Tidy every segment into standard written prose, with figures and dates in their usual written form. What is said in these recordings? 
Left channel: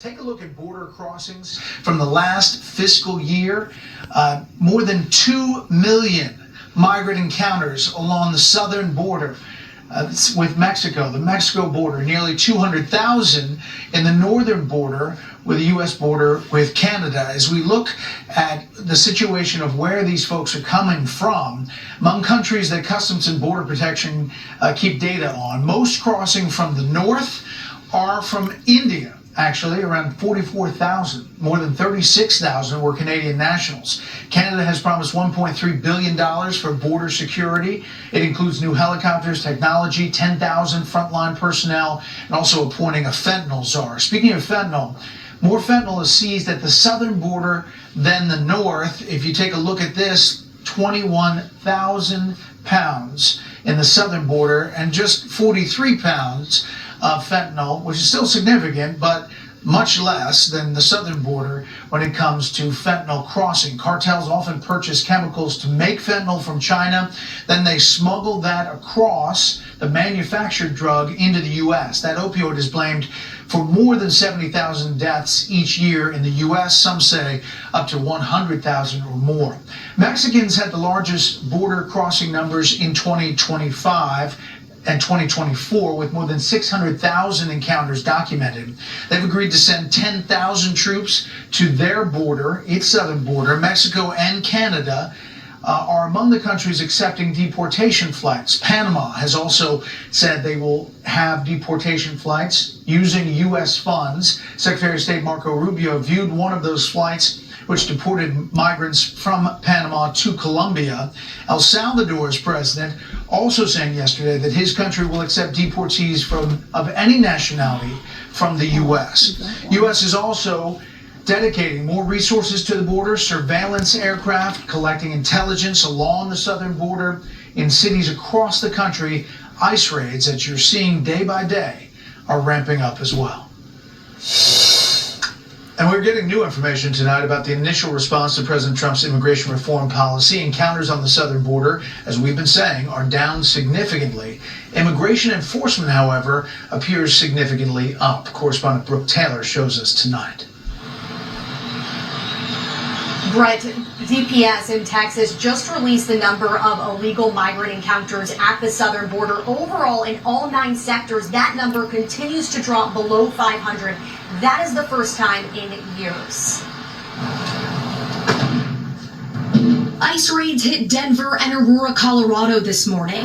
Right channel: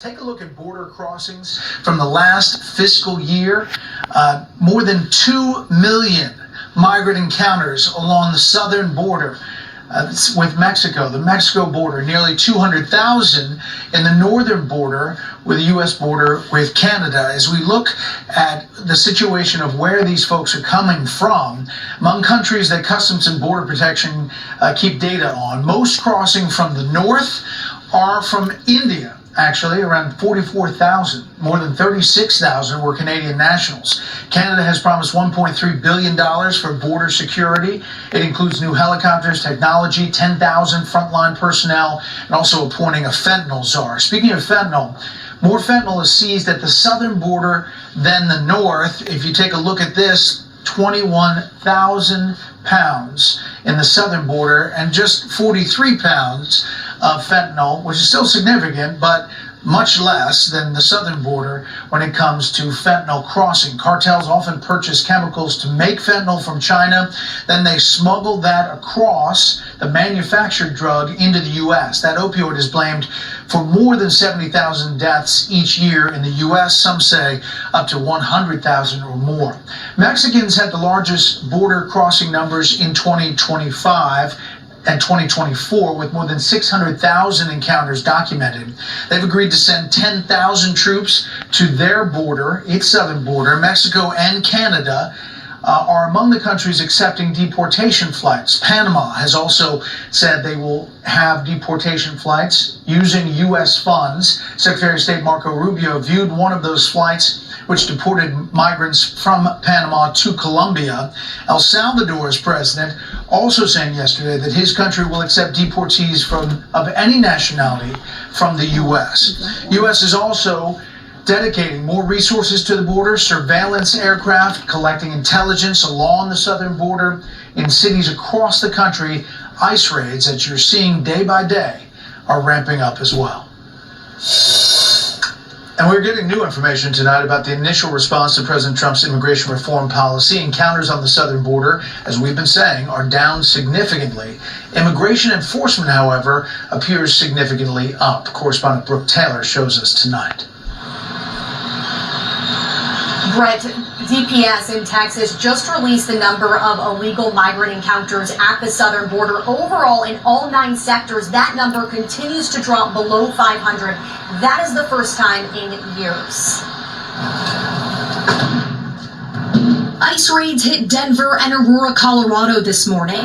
Take a look at border crossings from the last fiscal year. More than 2 million migrant encounters along the southern border with Mexico, the Mexico border, nearly 200,000 in the northern border with the U.S. border with Canada. As we look at the situation of where these folks are coming from, among countries that Customs and Border Protection keep data on, most crossing from the north are from India. Actually, around 44,000, more than 36,000 were Canadian nationals. Canada has promised $1.3 billion for border security. It includes new helicopters, technology, 10,000 frontline personnel, and also appointing a fentanyl czar. Speaking of fentanyl, more fentanyl is seized at the southern border than the north. If you take a look at this, 21,000 pounds in the southern border and just 43 pounds of fentanyl, which is still significant, but much less than the southern border when it comes to fentanyl crossing. Cartels often purchase chemicals to make fentanyl from China, then they smuggle that across the manufactured drug into the U.S. That opioid is blamed for more than 70,000 deaths each year in the U.S., some say up to 100,000 or more. Mexicans had the largest border crossing numbers in 2025 and 2024, with more than 600,000 encounters documented. They've agreed to send 10,000 troops to their border, its southern border. Mexico and Canada are among the countries accepting deportation flights. Panama has also said they will have deportation flights using U.S. funds. Secretary of State Marco Rubio viewed one of those flights which deported migrants from Panama to Colombia. El Salvador's president also saying yesterday that his country will accept deportees of any nationality from the U.S. U.S. is also dedicating more resources to the border, surveillance aircraft collecting intelligence along the southern border in cities across the country. ICE raids that you're seeing day by day are ramping up as well. And we're getting new information tonight about the initial response to President Trump's immigration reform policy. Encounters on the southern border, as we've been saying, are down significantly. Immigration enforcement, however, appears significantly up. Correspondent Brooke Taylor shows us tonight. Brett, DPS in Texas just released the number of illegal migrant encounters at the southern border. Overall, in all 9 sectors, that number continues to drop below 500. That is the first time in years. ICE raids hit Denver and Aurora, Colorado this morning.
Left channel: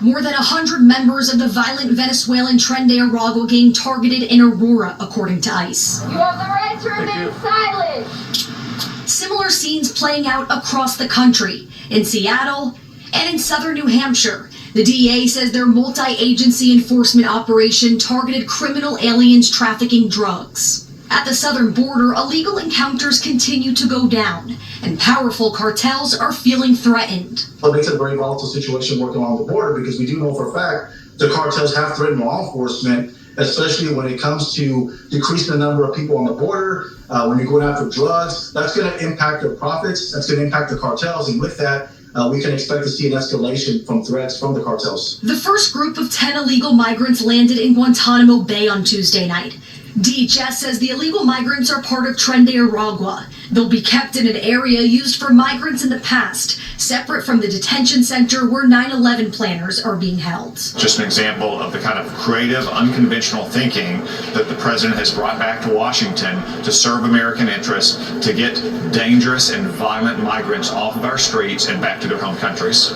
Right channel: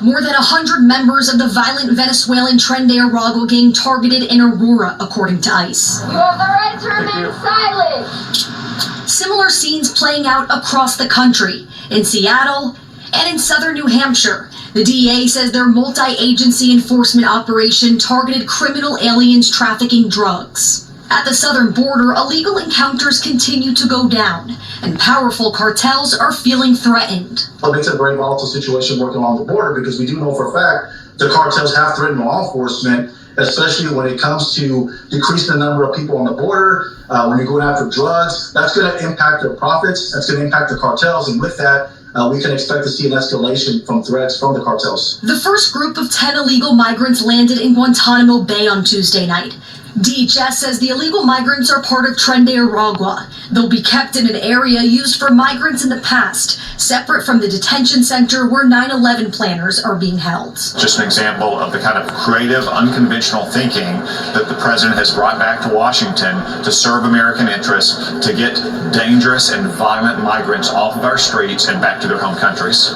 More than 100 members of the violent Venezuelan Tren de Aragua gang targeted in Aurora, according to ICE. You have the right to remain silent. Similar scenes playing out across the country, in Seattle and in southern New Hampshire. The DEA says their multi-agency enforcement operation targeted criminal aliens trafficking drugs. At the southern border, illegal encounters continue to go down, and powerful cartels are feeling threatened. It makes it a very volatile situation working along the border, because we do know for a fact the cartels have threatened law enforcement, especially when it comes to decreasing the number of people on the border. When you're going after drugs, that's going to impact their profits, that's going to impact the cartels, and with that, we can expect to see an escalation from threats from the cartels. The first group of 10 illegal migrants landed in Guantanamo Bay on Tuesday night. DHS says the illegal migrants are part of Tren de Aragua. They'll be kept in an area used for migrants in the past, separate from the detention center where 9/11 planners are being held. Just an example of the kind of creative, unconventional thinking that the president has brought back to Washington to serve American interests, to get dangerous and violent migrants off of our streets and back to their home countries.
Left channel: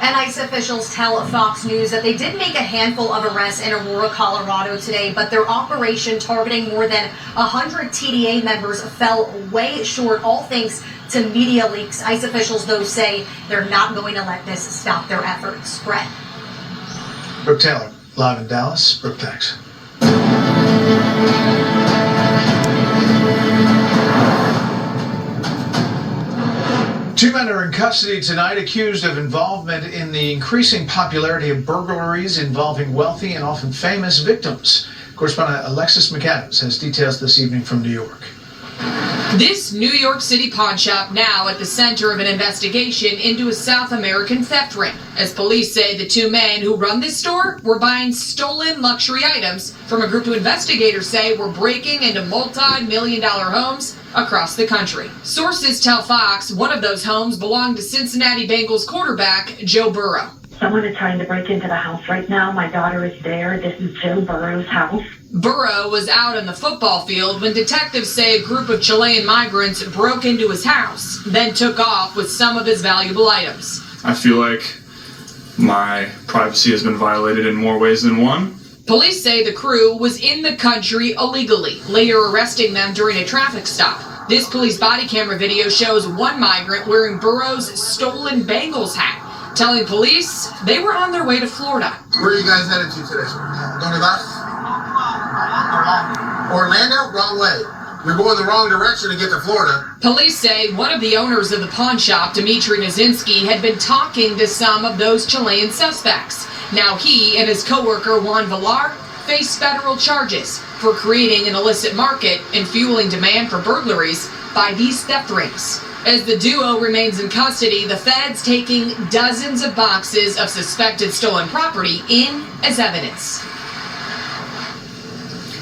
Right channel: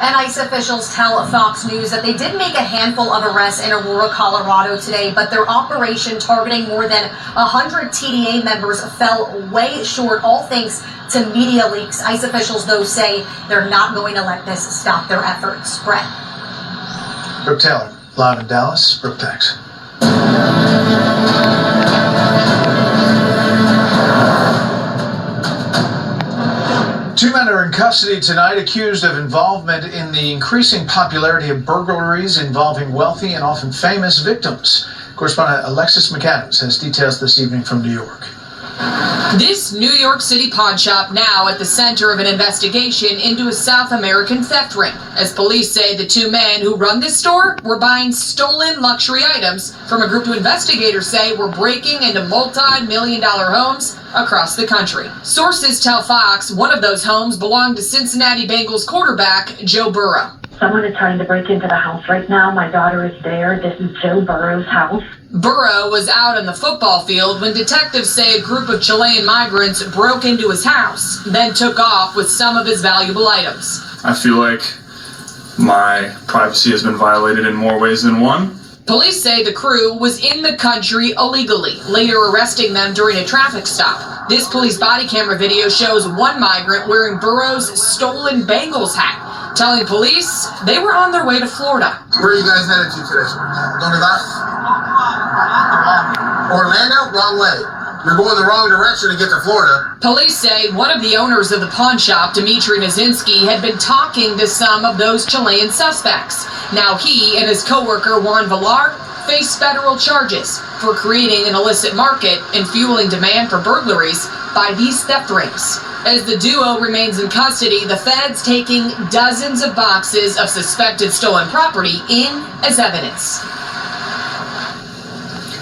And ICE officials tell Fox News that they did make a handful of arrests in Aurora, Colorado today, but their operation targeting more than 100 TDA members fell way short, all thanks to media leaks. ICE officials, though, say they're not going to let this stop their efforts. Brett. Brooke Taylor, live in Dallas. Brooke, thanks. Two men are in custody tonight accused of involvement in the increasing popularity of burglaries involving wealthy and often famous victims. Correspondent Alexis McAdams has details this evening from New York. This New York City pawn shop now at the center of an investigation into a South American theft ring, as police say the two men who run this store were buying stolen luxury items from a group who investigators say were breaking into multi-million-dollar homes across the country. Sources tell Fox one of those homes belonged to Cincinnati Bengals quarterback Joe Burrow. Someone is trying to break into the house right now. My daughter is there. This is Joe Burrow's house. Burrow was out on the football field when detectives say a group of Chilean migrants broke into his house, then took off with some of his valuable items. I feel like my privacy has been violated in more ways than one. Police say the crew was in the country illegally, later arresting them during a traffic stop. This police body camera video shows one migrant wearing Burrow's stolen Bengals hat, telling police they were on their way to Florida. Where are you guys headed to today, sir? Going to bus? Orlando? Wrong way. You're going the wrong direction to get to Florida. Police say one of the owners of the pawn shop, Dmitry Nazinski, had been talking to some of those Chilean suspects. Now he and his co-worker Juan Villar face federal charges for creating an illicit market and fueling demand for burglaries by these theft rings. As the duo remains in custody, the feds taking dozens of boxes of suspected stolen property in as evidence.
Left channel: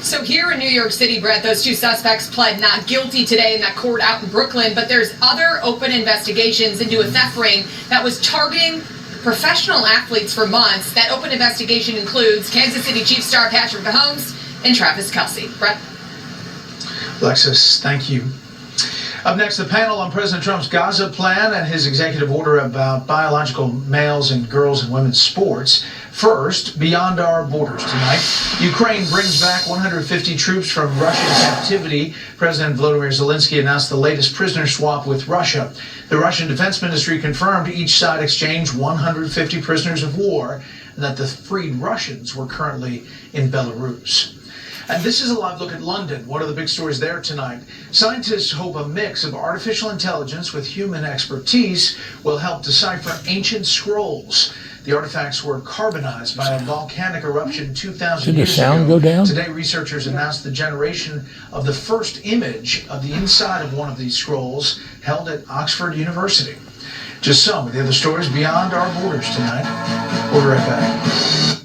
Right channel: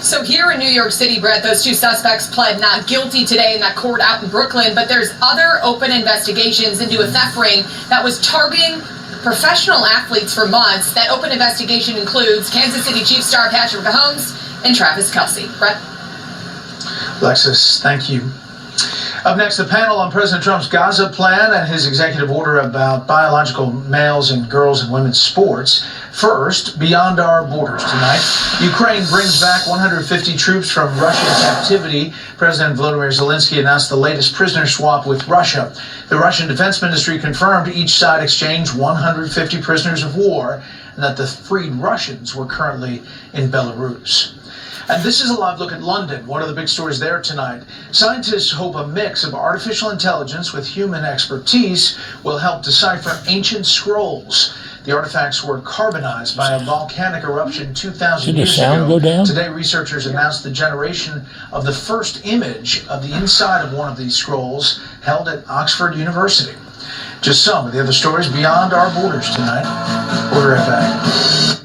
So here in New York City, Brett, those two suspects pled not guilty today in that court out in Brooklyn, but there's other open investigations into a theft ring that was targeting professional athletes for months. That open investigation includes Kansas City Chiefs star Patrick Mahomes and Travis Kelce. Brett? Alexis, thank you. Up next, the panel on President Trump's Gaza plan and his executive order about biological males in girls and women's sports. First, beyond our borders tonight, Ukraine brings back 150 troops from Russian captivity. President Volodymyr Zelensky announced the latest prisoner swap with Russia. The Russian Defense Ministry confirmed each side exchanged 150 prisoners of war and that the freed Russians were currently in Belarus. And this is a live look at London, one of the big stories there tonight. Scientists hope a mix of artificial intelligence with human expertise will help decipher ancient scrolls. The artifacts were carbonized by a volcanic eruption 2,000 years ago. Did the sound go down? Today, researchers announced the generation of the first image of the inside of one of these scrolls held at Oxford University. Just some of the other stories beyond our borders tonight. We'll be right back.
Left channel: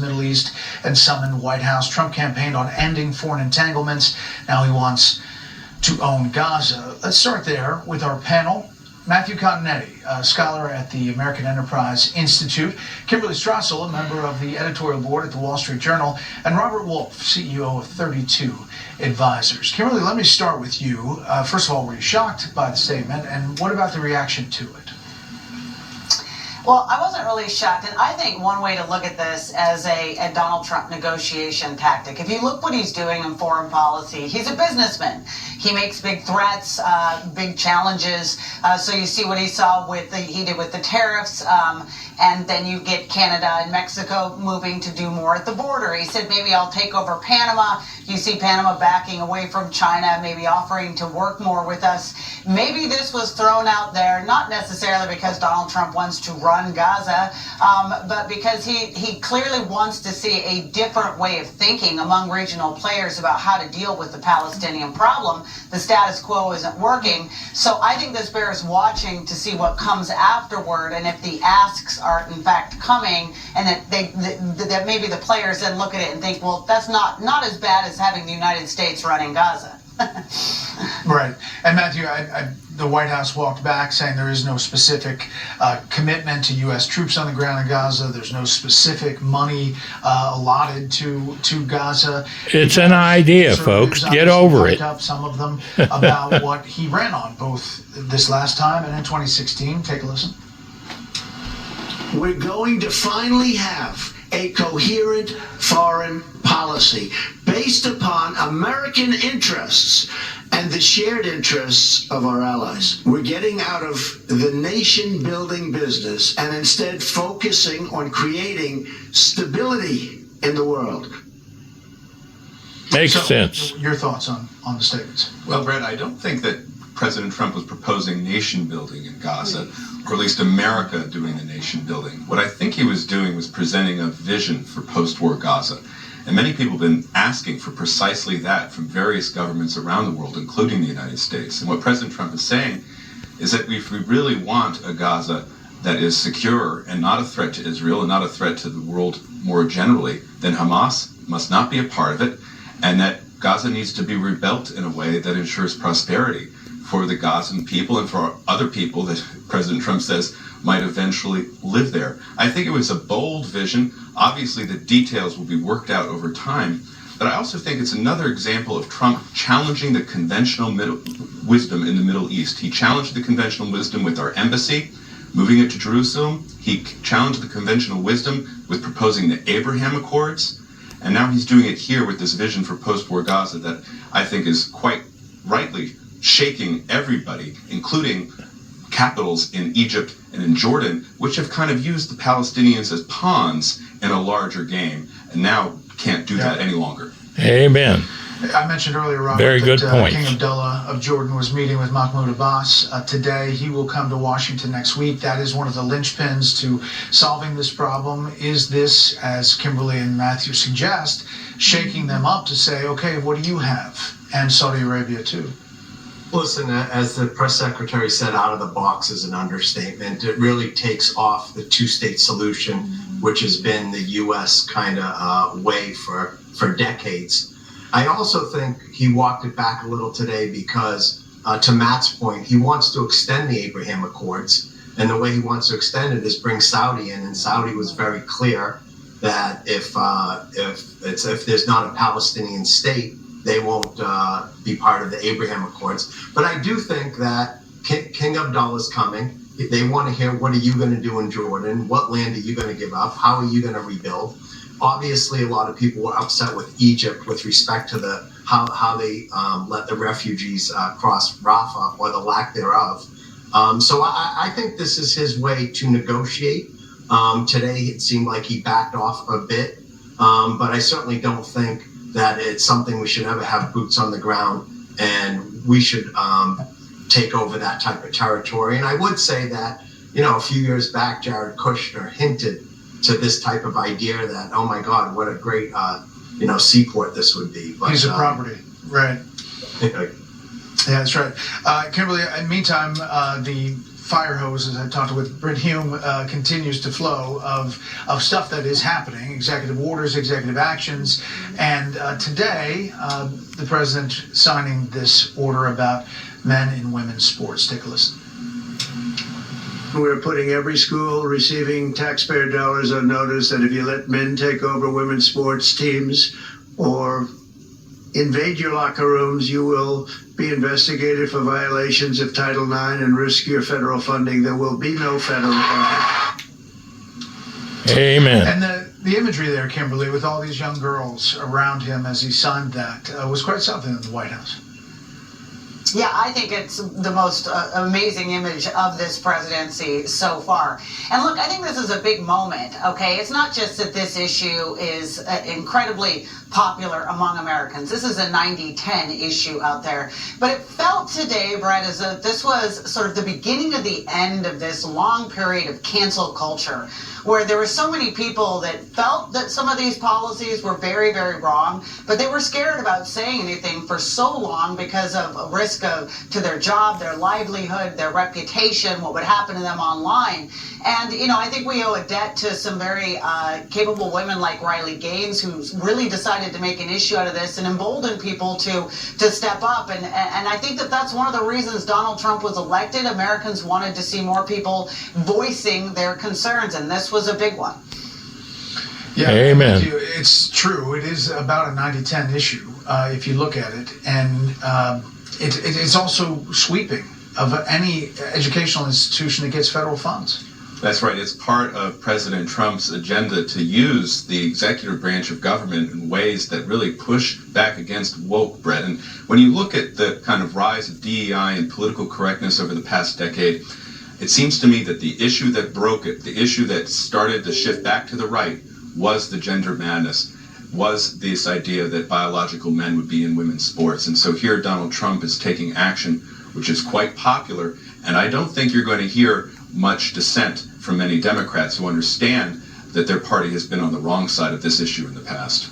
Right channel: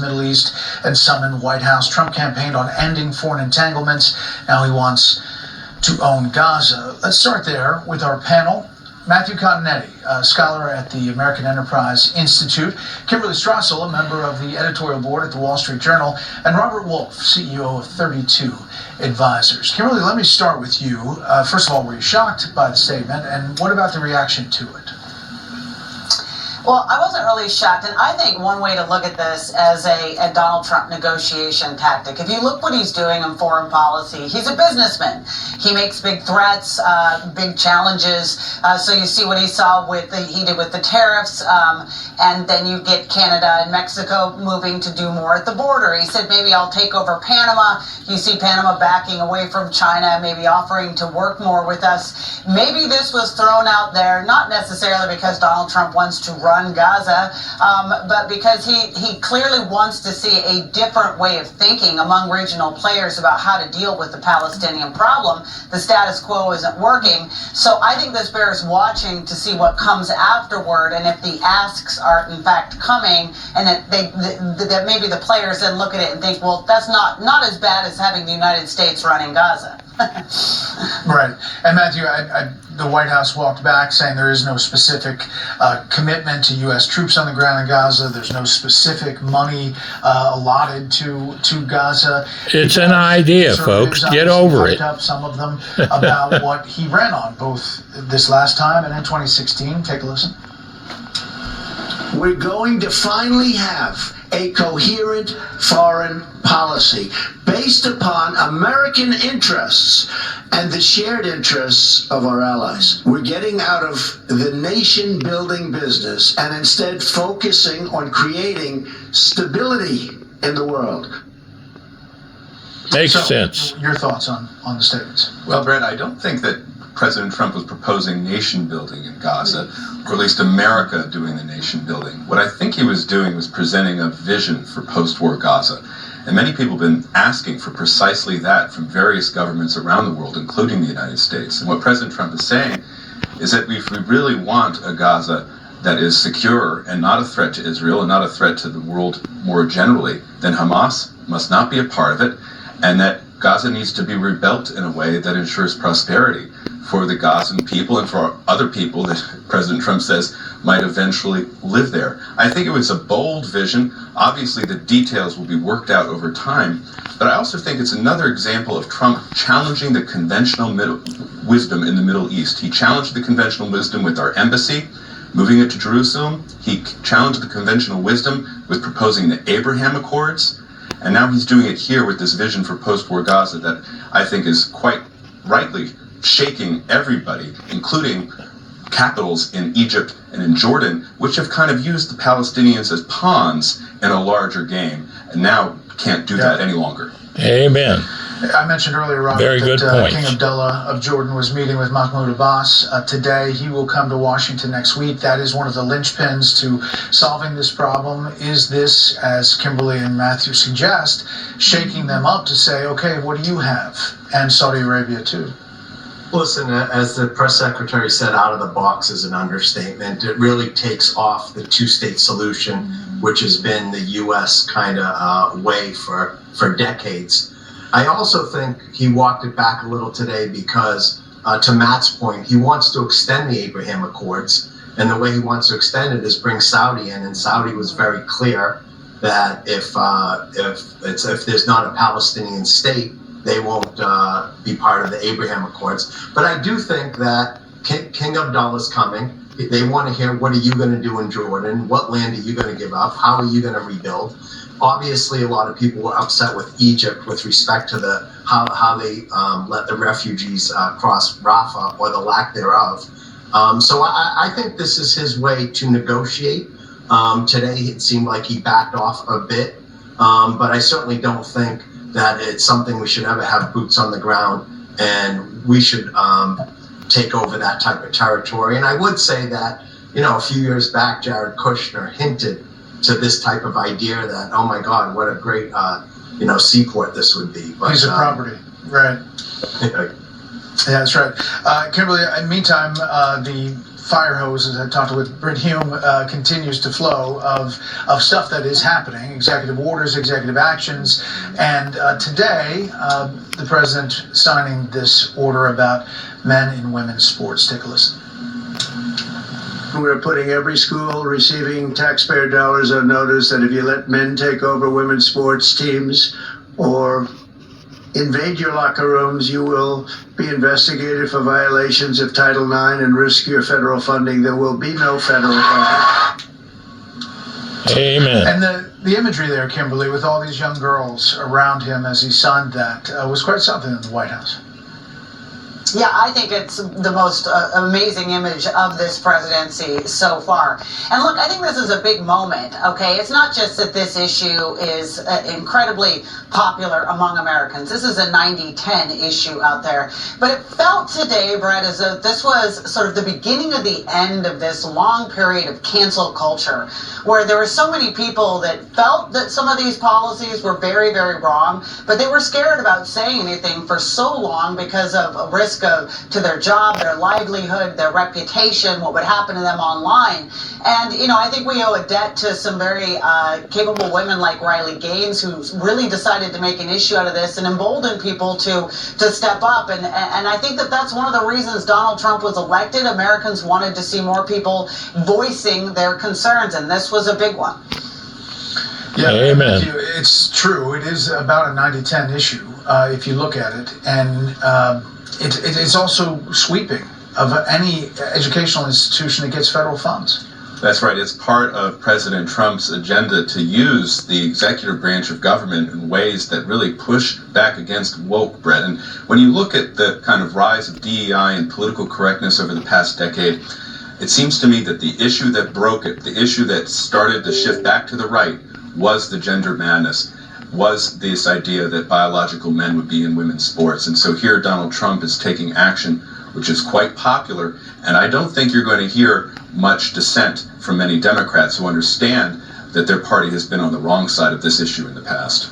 Middle East and some in the White House. Trump campaigned on ending foreign entanglements. Now he wants to own Gaza. Let's start there with our panel. Matthew Continetti, a scholar at the American Enterprise Institute, Kimberly Strassel, a member of the editorial board at the Wall Street Journal, and Robert Wolf, CEO of 32 Advisors. Kimberly, let me start with you. First of all, were you shocked by the statement, and what about the reaction to it? Well, I wasn't really shocked, and I think one way to look at this as a Donald Trump negotiation tactic. If you look what he's doing in foreign policy, he's a businessman. He makes big threats, big challenges. So you see what he did with the tariffs, and then you get Canada and Mexico moving to do more at the border. He said, maybe I'll take over Panama. You see Panama backing away from China, maybe offering to work more with us. Maybe this was thrown out there, not necessarily because Donald Trump wants to run Gaza, but because he clearly wants to see a different way of thinking among regional players about how to deal with the Palestinian problem. The status quo isn't working. So I think this bears watching to see what comes afterward, and if the asks are in fact coming, and that maybe the players then look at it and think, well, that's not as bad as having the United States running Gaza. Right. And Matthew, the White House walked back saying there is no specific commitment to U.S. troops on the ground in Gaza. There's no specific money allotted to Gaza. It's an idea, folks. Get over it. Up some of them about what he ran on both this last time and in 2016. Take a listen. We're going to finally have a coherent foreign policy based upon American interests and the shared interests of our allies. We're getting out of the nation-building business and instead focusing on creating stability in the world. Makes sense. Your thoughts on the statements? Well, Brett, I don't think that President Trump was proposing nation building in Gaza, or at least America doing the nation building. What I think he was doing was presenting a vision for post-war Gaza. And many people have been asking for precisely that from various governments around the world, including the United States. And what President Trump is saying is that if we really want a Gaza that is secure and not a threat to Israel and not a threat to the world more generally, then Hamas must not be a part of it, and that Gaza needs to be rebuilt in a way that ensures prosperity for the Gazan people and for other people that President Trump says might eventually live there. I think it was a bold vision. Obviously, the details will be worked out over time, but I also think it's another example of Trump challenging the conventional wisdom in the Middle East. He challenged the conventional wisdom with our embassy, moving it to Jerusalem. He challenged the conventional wisdom with proposing the Abraham Accords, and now he's doing it here with this vision for post-war Gaza that I think is quite rightly shaking everybody, including capitals in Egypt and in Jordan, which have kind of used the Palestinians as pawns in a larger game, and now can't do that any longer. Amen. I mentioned earlier, Robert, Very good point. King Abdullah of Jordan was meeting with Mahmoud Abbas today. He will come to Washington next week. That is one of the linchpins to solving this problem. Is this, as Kimberly and Matthew suggest, shaking them up to say, okay, what do you have? And Saudi Arabia, too. Listen, as the press secretary said, out of the box is an understatement. It really takes off the two-state solution, which has been the U.S. kind of way for decades. I also think he walked it back a little today because, to Matt's point, he wants to extend the Abraham Accords. And the way he wants to extend it is bring Saudi in. And Saudi was very clear that if there's not a Palestinian state, they won't be part of the Abraham Accords. But I do think that King Abdullah is coming. They want to hear, what are you going to do in Jordan? What land are you going to give up? How are you going to rebuild? Obviously, a lot of people were upset with Egypt with respect to how they let the refugees cross Rafah, or the lack thereof. So I think this is his way to negotiate. Today, it seemed like he backed off a bit, but I certainly don't think that it's something we should ever have boots on the ground, and we should take over that type of territory. And I would say that, a few years back, Jared Kushner hinted to this type of idea that, oh my God, what a great, seaport this would be. But, piece of property, right? Yeah, that's right. Kimberly, in the meantime, the fire hose, as I talked with Britt Hume, continues to flow of stuff that is happening, executive orders, executive actions, and today, the president signing this order about men and women's sports. Take a listen. We're putting every school receiving taxpayer dollars on notice that if you let men take over women's sports teams or invade your locker rooms, you will be investigated for violations of Title IX and risk your federal funding. There will be no federal funding. Amen. And the imagery there, Kimberly, with all these young girls around him as he signed that, was quite something in the White House. Yeah, I think it's the most amazing image of this presidency so far. And look, I think this is a big moment, okay? It's not just that this issue is incredibly popular among Americans. This is a 90-10 issue out there. But it felt today, Brett, as though this was sort of the beginning of the end of this long period of cancel culture, where there were so many people that felt that some of these policies were very, very wrong, but they were scared about saying anything for so long because of a risk to their job, their livelihood, their reputation, what would happen to them online. And, I think we owe a debt to some very capable women like Riley Gaines, who really decided to make an issue out of this and embolden people to step up. And I think that's one of the reasons Donald Trump was elected. Americans wanted to see more people voicing their concerns, and this was a big one. Yeah, Amen. It's true. It is about a 90-10 issue, if you look at it. And it's also sweeping of any educational institution that gets federal funds. That's right. It's part of President Trump's agenda to use the executive branch of government in ways that really push back against woke, Brett. And when you look at the kind of rise of DEI and political correctness over the past decade, it seems to me that the issue that broke it, the issue that started the shift back to the right, was the gender madness, was this idea that biological men would be in women's sports. And so here Donald Trump is taking action, which is quite popular. And I don't think you're going to hear much dissent from many Democrats who understand that their party has been on the wrong side of this issue in the past.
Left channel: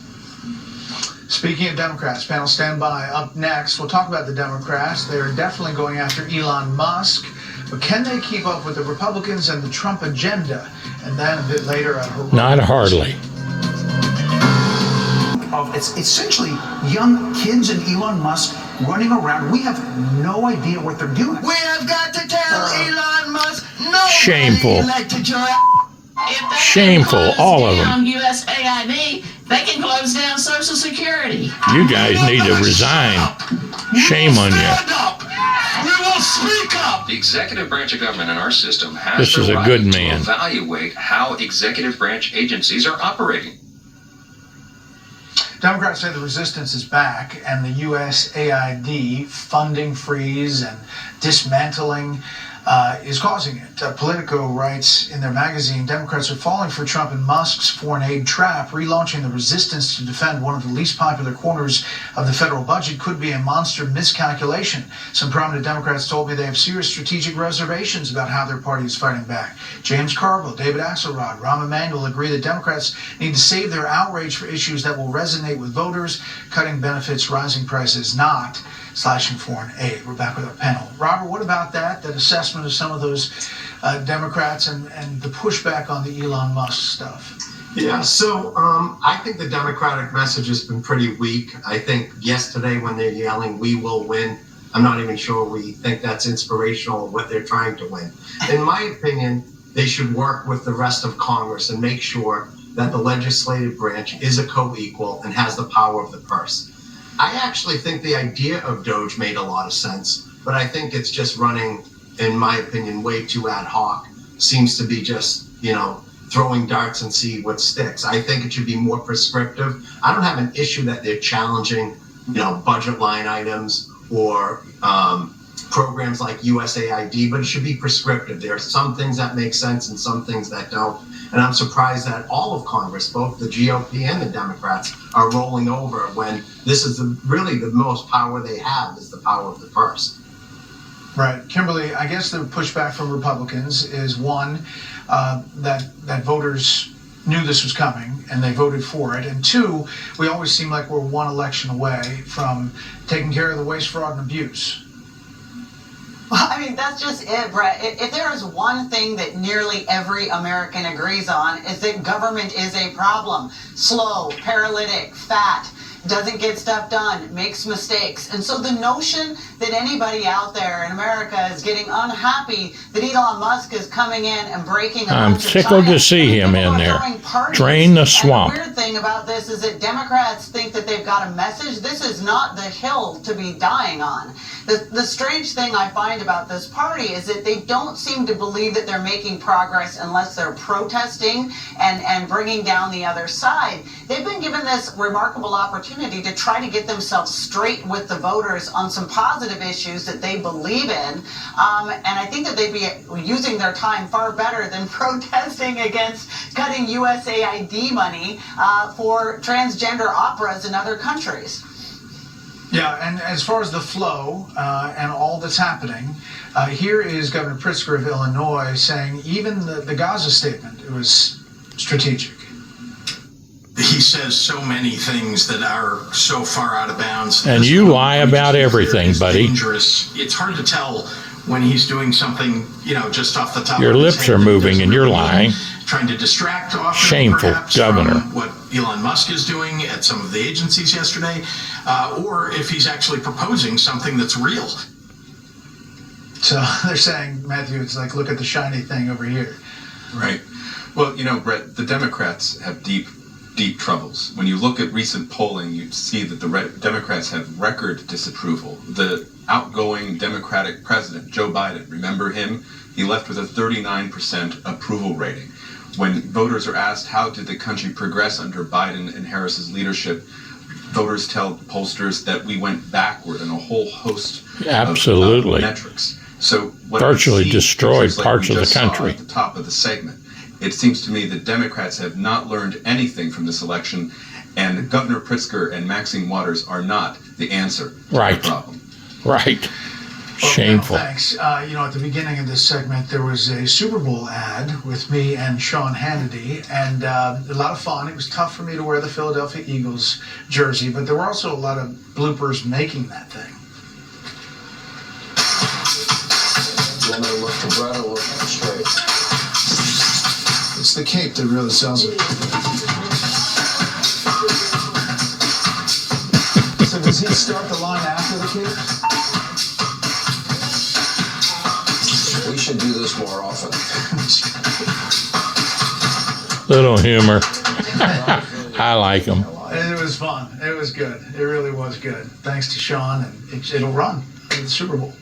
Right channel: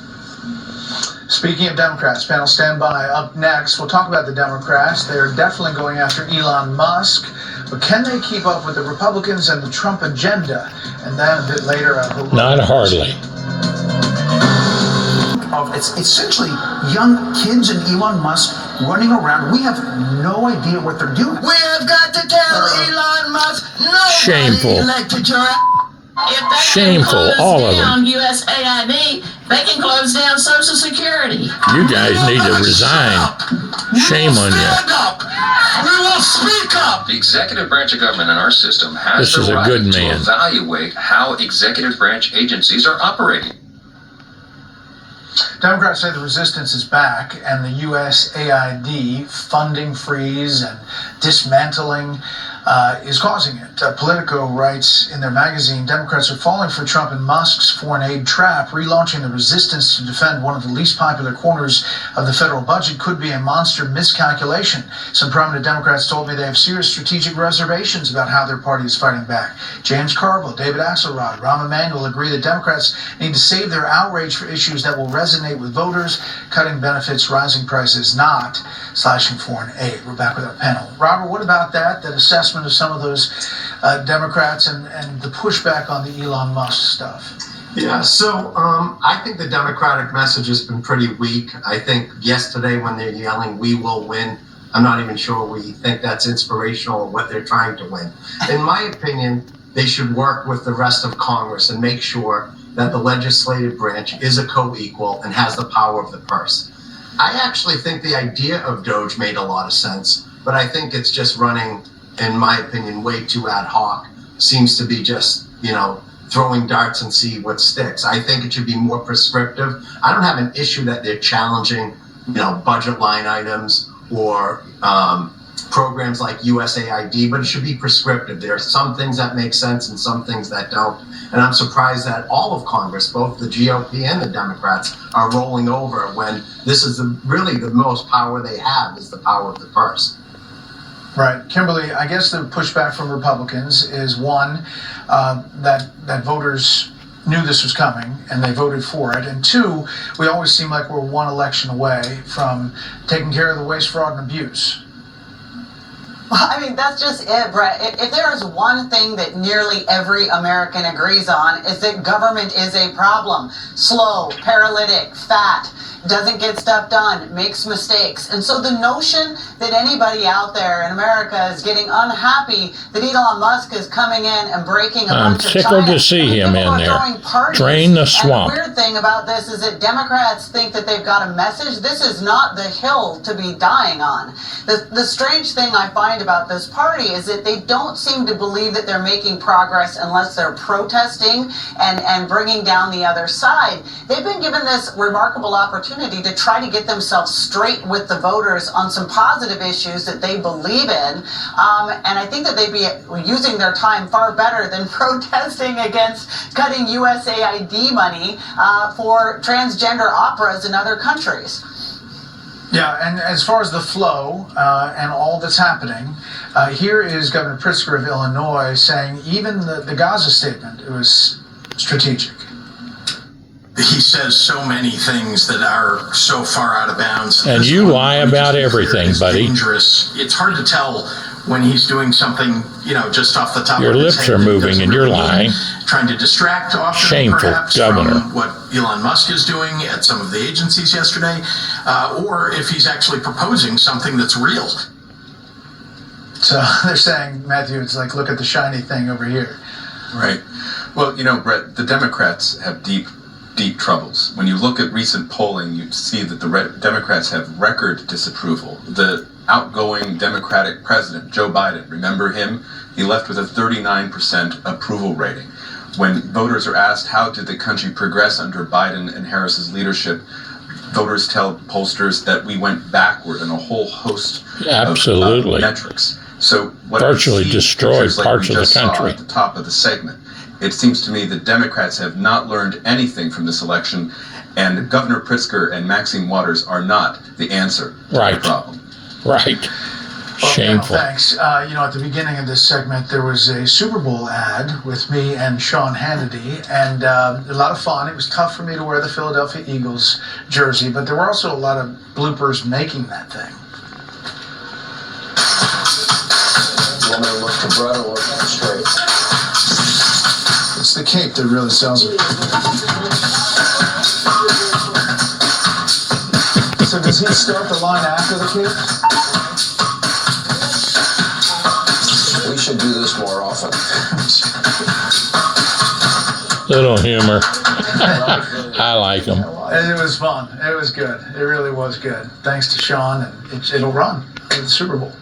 Speaking of Democrats, panel stand by. Up next, we'll talk about the Democrats. They're definitely going after Elon Musk, but can they keep up with the Republicans and the Trump agenda? And then a bit later, not hardly. It's essentially young kids and Elon Musk running around. We have no idea what they're doing. We have got to tell Elon Musk, no. Shameful. Elected your Shameful, all of them. On USAID, they can close down Social Security. You guys need to resign. Shame on you. We will speak up. The executive branch of government in our system has This is the a good right to man. evaluate how executive branch agencies are operating. Democrats say the resistance is back, and the USAID funding freeze and dismantling is causing it. Politico writes in their magazine, Democrats are falling for Trump and Musk's foreign aid trap. Relaunching the resistance to defend one of the least popular corners of the federal budget could be a monster miscalculation. Some prominent Democrats told me they have serious strategic reservations about how their party is fighting back. James Carville, David Axelrod, Rahm Emanuel agree that Democrats need to save their outrage for issues that will resonate with voters, cutting benefits, rising prices, not slashing foreign aid. We're back with our panel. Robert, what about that assessment of some of those Democrats and the pushback on the Elon Musk stuff? Yeah, so I think the Democratic message has been pretty weak. I think yesterday when they're yelling, "We will win," I'm not even sure we think that's inspirational of what they're trying to win. In my opinion, they should work with the rest of Congress and make sure that the legislative branch is a co-equal and has the power of the purse. I actually think the idea of Doge made a lot of sense, but I think it's just running, in my opinion, way too ad hoc. Seems to be just, throwing darts and see what sticks. I think it should be more prescriptive. I don't have an issue that they're challenging, budget line items or programs like USAID, but it should be prescriptive. There are some things that make sense and some things that don't. And I'm surprised that all of Congress, both the GOP and the Democrats, are rolling over when this is really the most power they have is the power of the purse. Right. Kimberly, I guess the pushback from Republicans is one, that voters knew this was coming and they voted for it. And two, we always seem like we're one election away from taking care of the waste, fraud, and abuse. Well, I mean, that's just it, Brett. If there is one thing that nearly every American agrees on, is that government is a problem. Slow, paralytic, fat, doesn't get stuff done, makes mistakes. And so the notion that anybody out there in America is getting unhappy that Elon Musk is coming in and breaking a I'm bunch of tickled to science, see him in there. parties. Drain the swamp. And the weird thing about this is that Democrats think that they've got a message. This is not the hill to be dying on. The strange thing I find about this party is that they don't seem to believe that they're making progress unless they're protesting and bringing down the other side. They've been given this remarkable opportunity to try to get themselves straight with the voters on some positive issues that they believe in. And I think that they'd be using their time far better than protesting against cutting USAID money for transgender operas in other countries. Yeah, and as far as the flow and all that's happening, here is Governor Pritzker of Illinois saying even the Gaza statement, it was strategic. He says so many things that are so far out of bounds. And you lie about everything, buddy. Dangerous. It's hard to tell when he's doing something, just off the top Your of his lips head are that moving doesn't and you're really lying. Trying to distract often, Shameful perhaps, governor. from what Elon Musk is doing at some of the agencies yesterday, or if he's actually proposing something that's real. So they're saying, Matthew, it's like, look at the shiny thing over here. Right. Well, Brett, the Democrats have deep troubles. When you look at recent polling, you see that the Democrats have record disapproval. The outgoing Democratic president, Joe Biden, remember him? He left with a 39% approval rating. When voters are asked how did the country progress under Biden and Harris's leadership, voters tell pollsters that we went backward in a whole host of metrics. So what virtually we see, destroyed like parts we of the just saw country. at the top of the segment, it seems to me that Democrats have not learned anything from this election, and Governor Pritzker and Maxine Waters are not the answer to the problem. Right. Shameful. Thanks. At the beginning of this segment, there was a Super Bowl ad with me and Sean Hannity, and a lot of fun. It was tough for me to wear the Philadelphia Eagles jersey, but there were also a lot of bloopers making that thing. You want me to look to Brett or look straight? It's the cape that really sells it. So does he start the line after the cape? We should do this more often. Little humor. I like them. It was fun. It was good. It really was good. Thanks to Sean, and it'll run in the Super Bowl.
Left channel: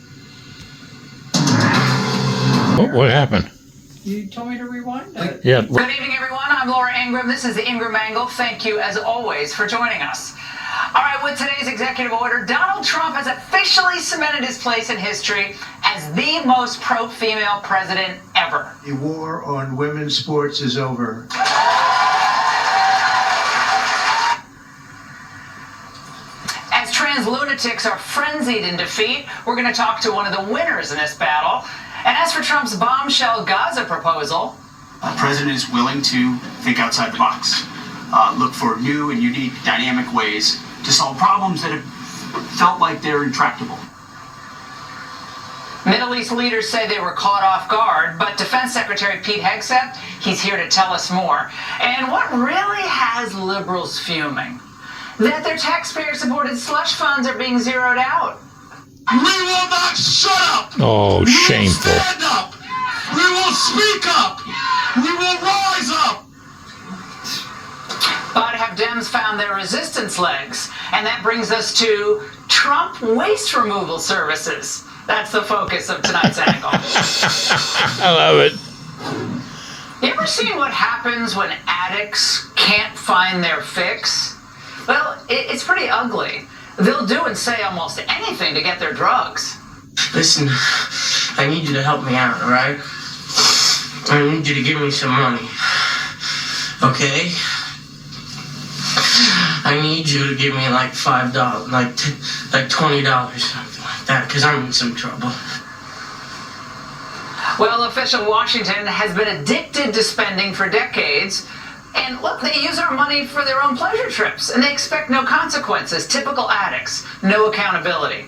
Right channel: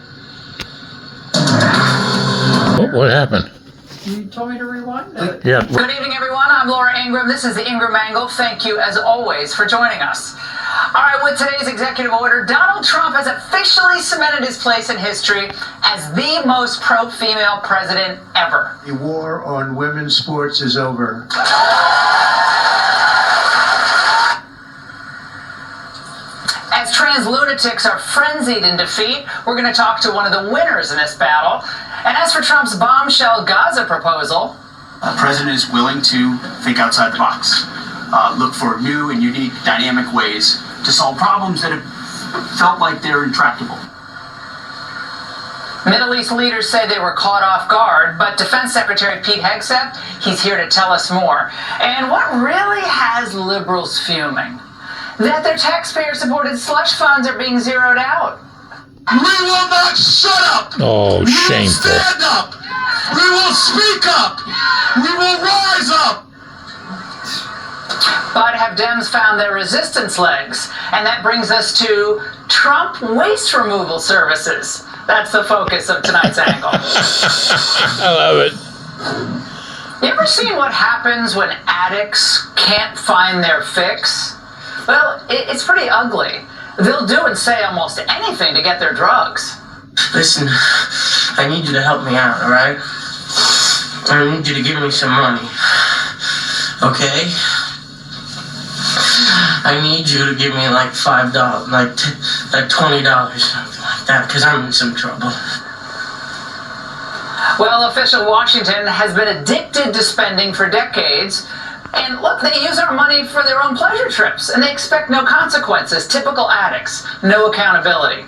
What happened? You told me to rewind it. Yeah. Good evening, everyone. I'm Laura Ingram. This is the Ingram Angle. Thank you, as always, for joining us. All right, with today's executive order, Donald Trump has officially cemented his place in history as the most pro-female president ever. The war on women's sports is over. As trans lunatics are frenzied in defeat, we're going to talk to one of the winners in this battle. And as for Trump's bombshell Gaza proposal, the president is willing to think outside the box, look for new and unique dynamic ways to solve problems that have felt like they're intractable. Middle East leaders say they were caught off guard, but Defense Secretary Pete Hegseth, he's here to tell us more. And what really has liberals fuming? That their taxpayer-supported slush funds are being zeroed out. We will not shut up! Oh, we shameful. will stand up! We will speak up! We will rise up! But have Dems found their resistance legs? And that brings us to Trump waste removal services. That's the focus of tonight's angle. I love it. You ever seen what happens when addicts can't find their fix? Well, it's pretty ugly. They'll do and say almost anything to get their drugs. Listen, I need you to help me out, all right? I need you to give me some money, okay? I need you to give me like $5, like $20, something like that, because I'm in some trouble. Well, official Washington has been addicted to spending for decades. And look, they use our money for their own pleasure trips, and they expect no consequences. Typical addicts, no accountability.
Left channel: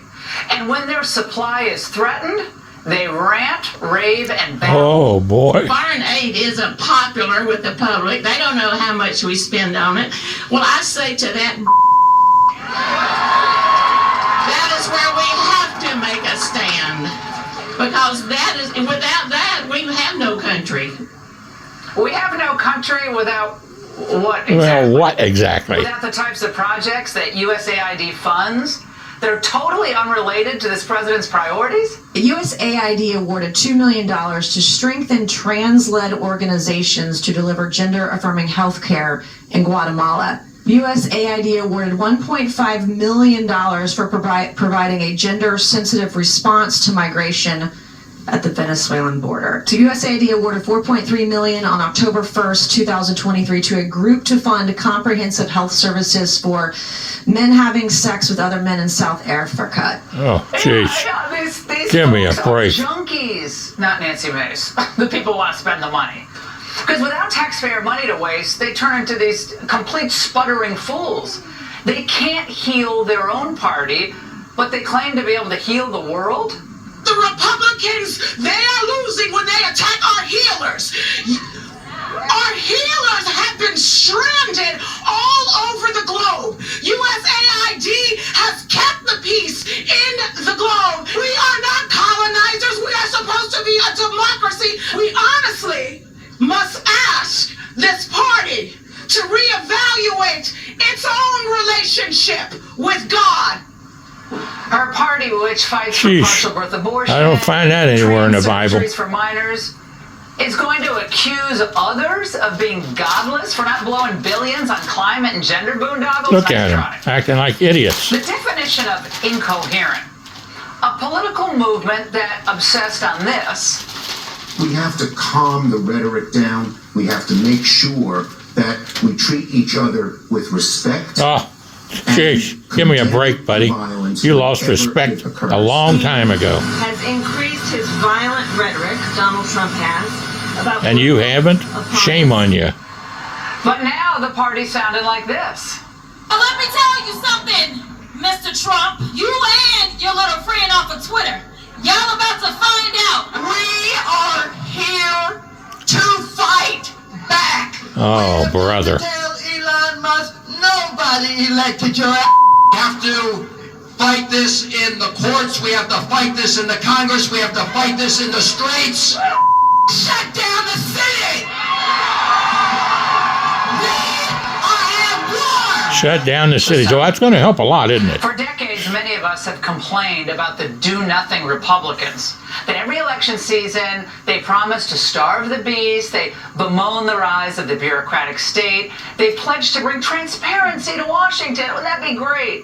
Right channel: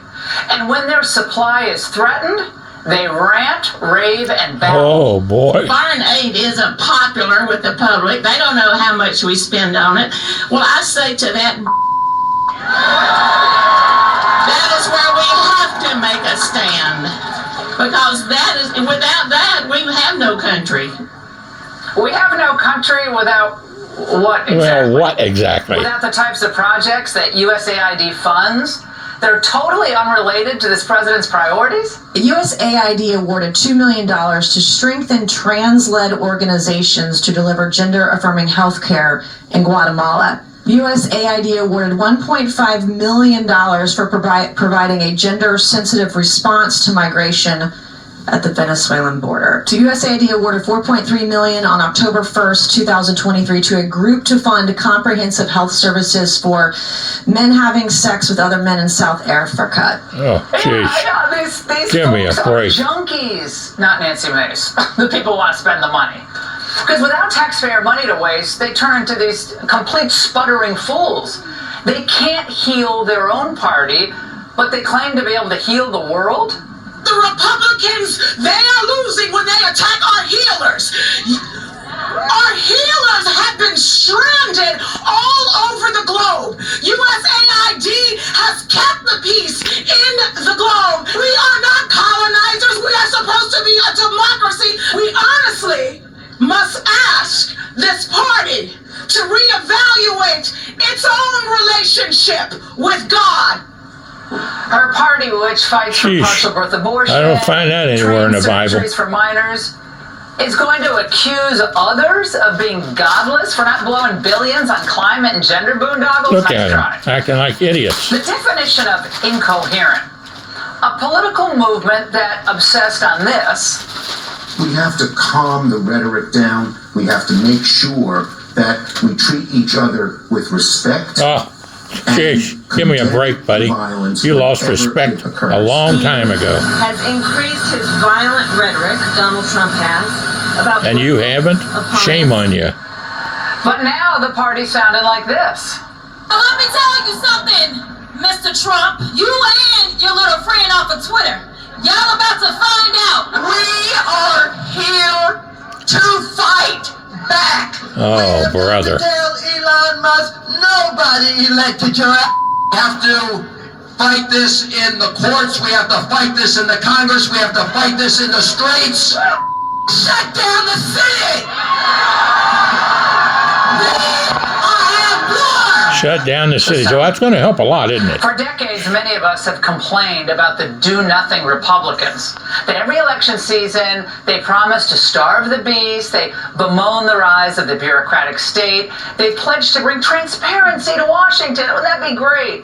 And when their supply is threatened, they rant, rave, and babble. Oh, boy. Foreign aid isn't popular with the public. They don't know how much we spend on it. Well, I say to that is where we have to make a stand. Because without that, we have no country. We have no country without what exactly? Well, what exactly? Without the types of projects that USAID funds. They're totally unrelated to this president's priorities. USAID awarded $2 million to strengthen trans-led organizations to deliver gender-affirming health care in Guatemala. USAID awarded $1.5 million for providing a gender-sensitive response to migration at the Venezuelan border. USAID awarded $4.3 million on October 1st, 2023 to a group to fund comprehensive health services for men having sex with other men in South Africa. Oh, jeez. These Give me a folks are break. junkies, not Nancy Mace. The people want to spend the money. Because without taxpayer money to waste, they turn into these complete sputtering fools. They can't heal their own party, but they claim to be able to heal the world? The Republicans, they are losing when they attack our healers. Our healers have been stranded all over the globe. USAID has kept the peace in the globe. We are not colonizers. We are supposed to be a democracy. We honestly must ask this party to reevaluate its own relationship with God. Her party, which fights for partial birth abortion, I don't find that anywhere in the Bible. surgeries for minors, is going to accuse others of being godless for not blowing billions on climate and gender boondoggles. Look at them, acting like idiots. The definition of incoherent. A political movement that obsessed on this. We have to calm the rhetoric down. We have to make sure that we treat each other with respect Sheesh, give me a break, buddy. You lost respect a long time ago. Has increased his violent rhetoric, Donald Trump has, about... And you haven't? Shame on you. But now the party sounded like this. Well, let me tell you something, Mr. Trump. You and your little friend off of Twitter, y'all about to find out. We are here to fight back. Oh, brother. Tell Elon Musk, nobody elected your ass. We have to fight this in the courts. We have to fight this in the Congress. We have to fight this in the streets. Shut down the city. Shut down the city. So that's going to help a lot, isn't it? For decades, many of us have complained about the do-nothing Republicans. That every election season, they promise to starve the beast, they bemoan the rise of the bureaucratic state, they pledge to bring transparency to Washington. Wouldn't that be great?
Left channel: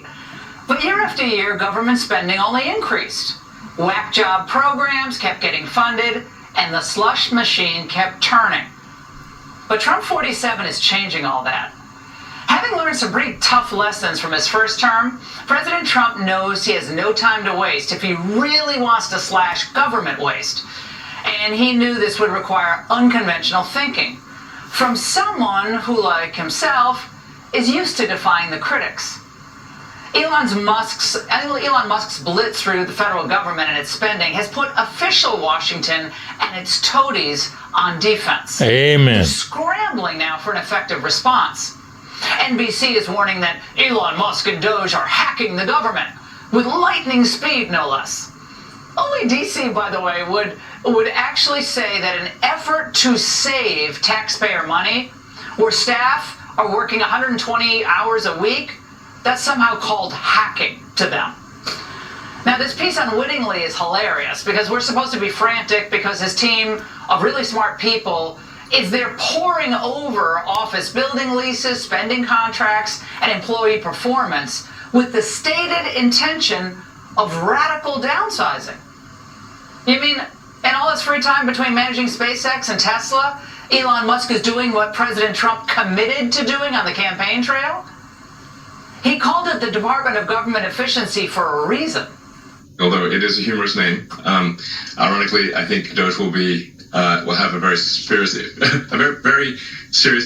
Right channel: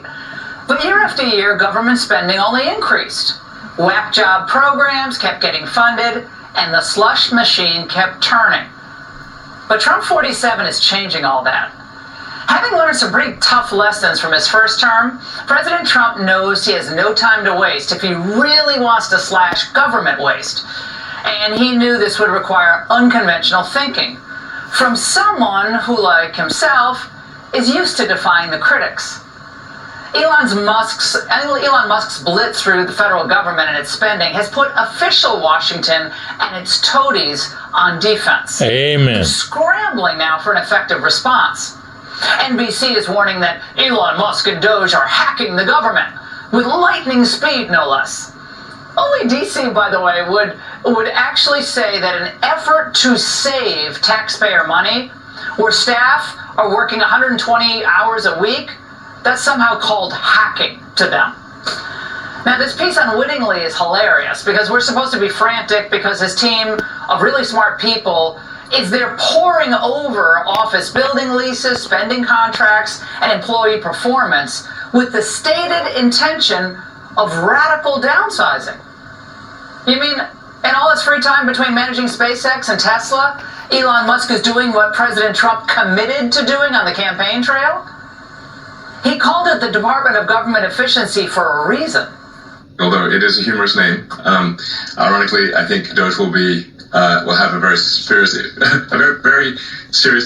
But year after year, government spending only increased. Whack job programs kept getting funded, and the slush machine kept turning. But Trump 47 is changing all that. Having learned some pretty tough lessons from his first term, President Trump knows he has no time to waste if he really wants to slash government waste. And he knew this would require unconventional thinking from someone who, like himself, is used to defying the critics. Elon Musk's blitz through the federal government and its spending has put official Washington and its toadies on defense. Amen. They're scrambling now for an effective response. NBC is warning that Elon Musk and Doge are hacking the government with lightning speed, no less. Only DC, by the way, would actually say that an effort to save taxpayer money, where staff are working 120 hours a week, that's somehow called hacking to them. Now, this piece unwittingly is hilarious because we're supposed to be frantic because his team of really smart people is they're pouring over office building leases, spending contracts, and employee performance with the stated intention of radical downsizing. You mean in all his free time between managing SpaceX and Tesla, Elon Musk is doing what President Trump committed to doing on the campaign trail? He called it the Department of Government Efficiency for a reason. Although it is a humorous name, ironically, I think Doge will have a very serious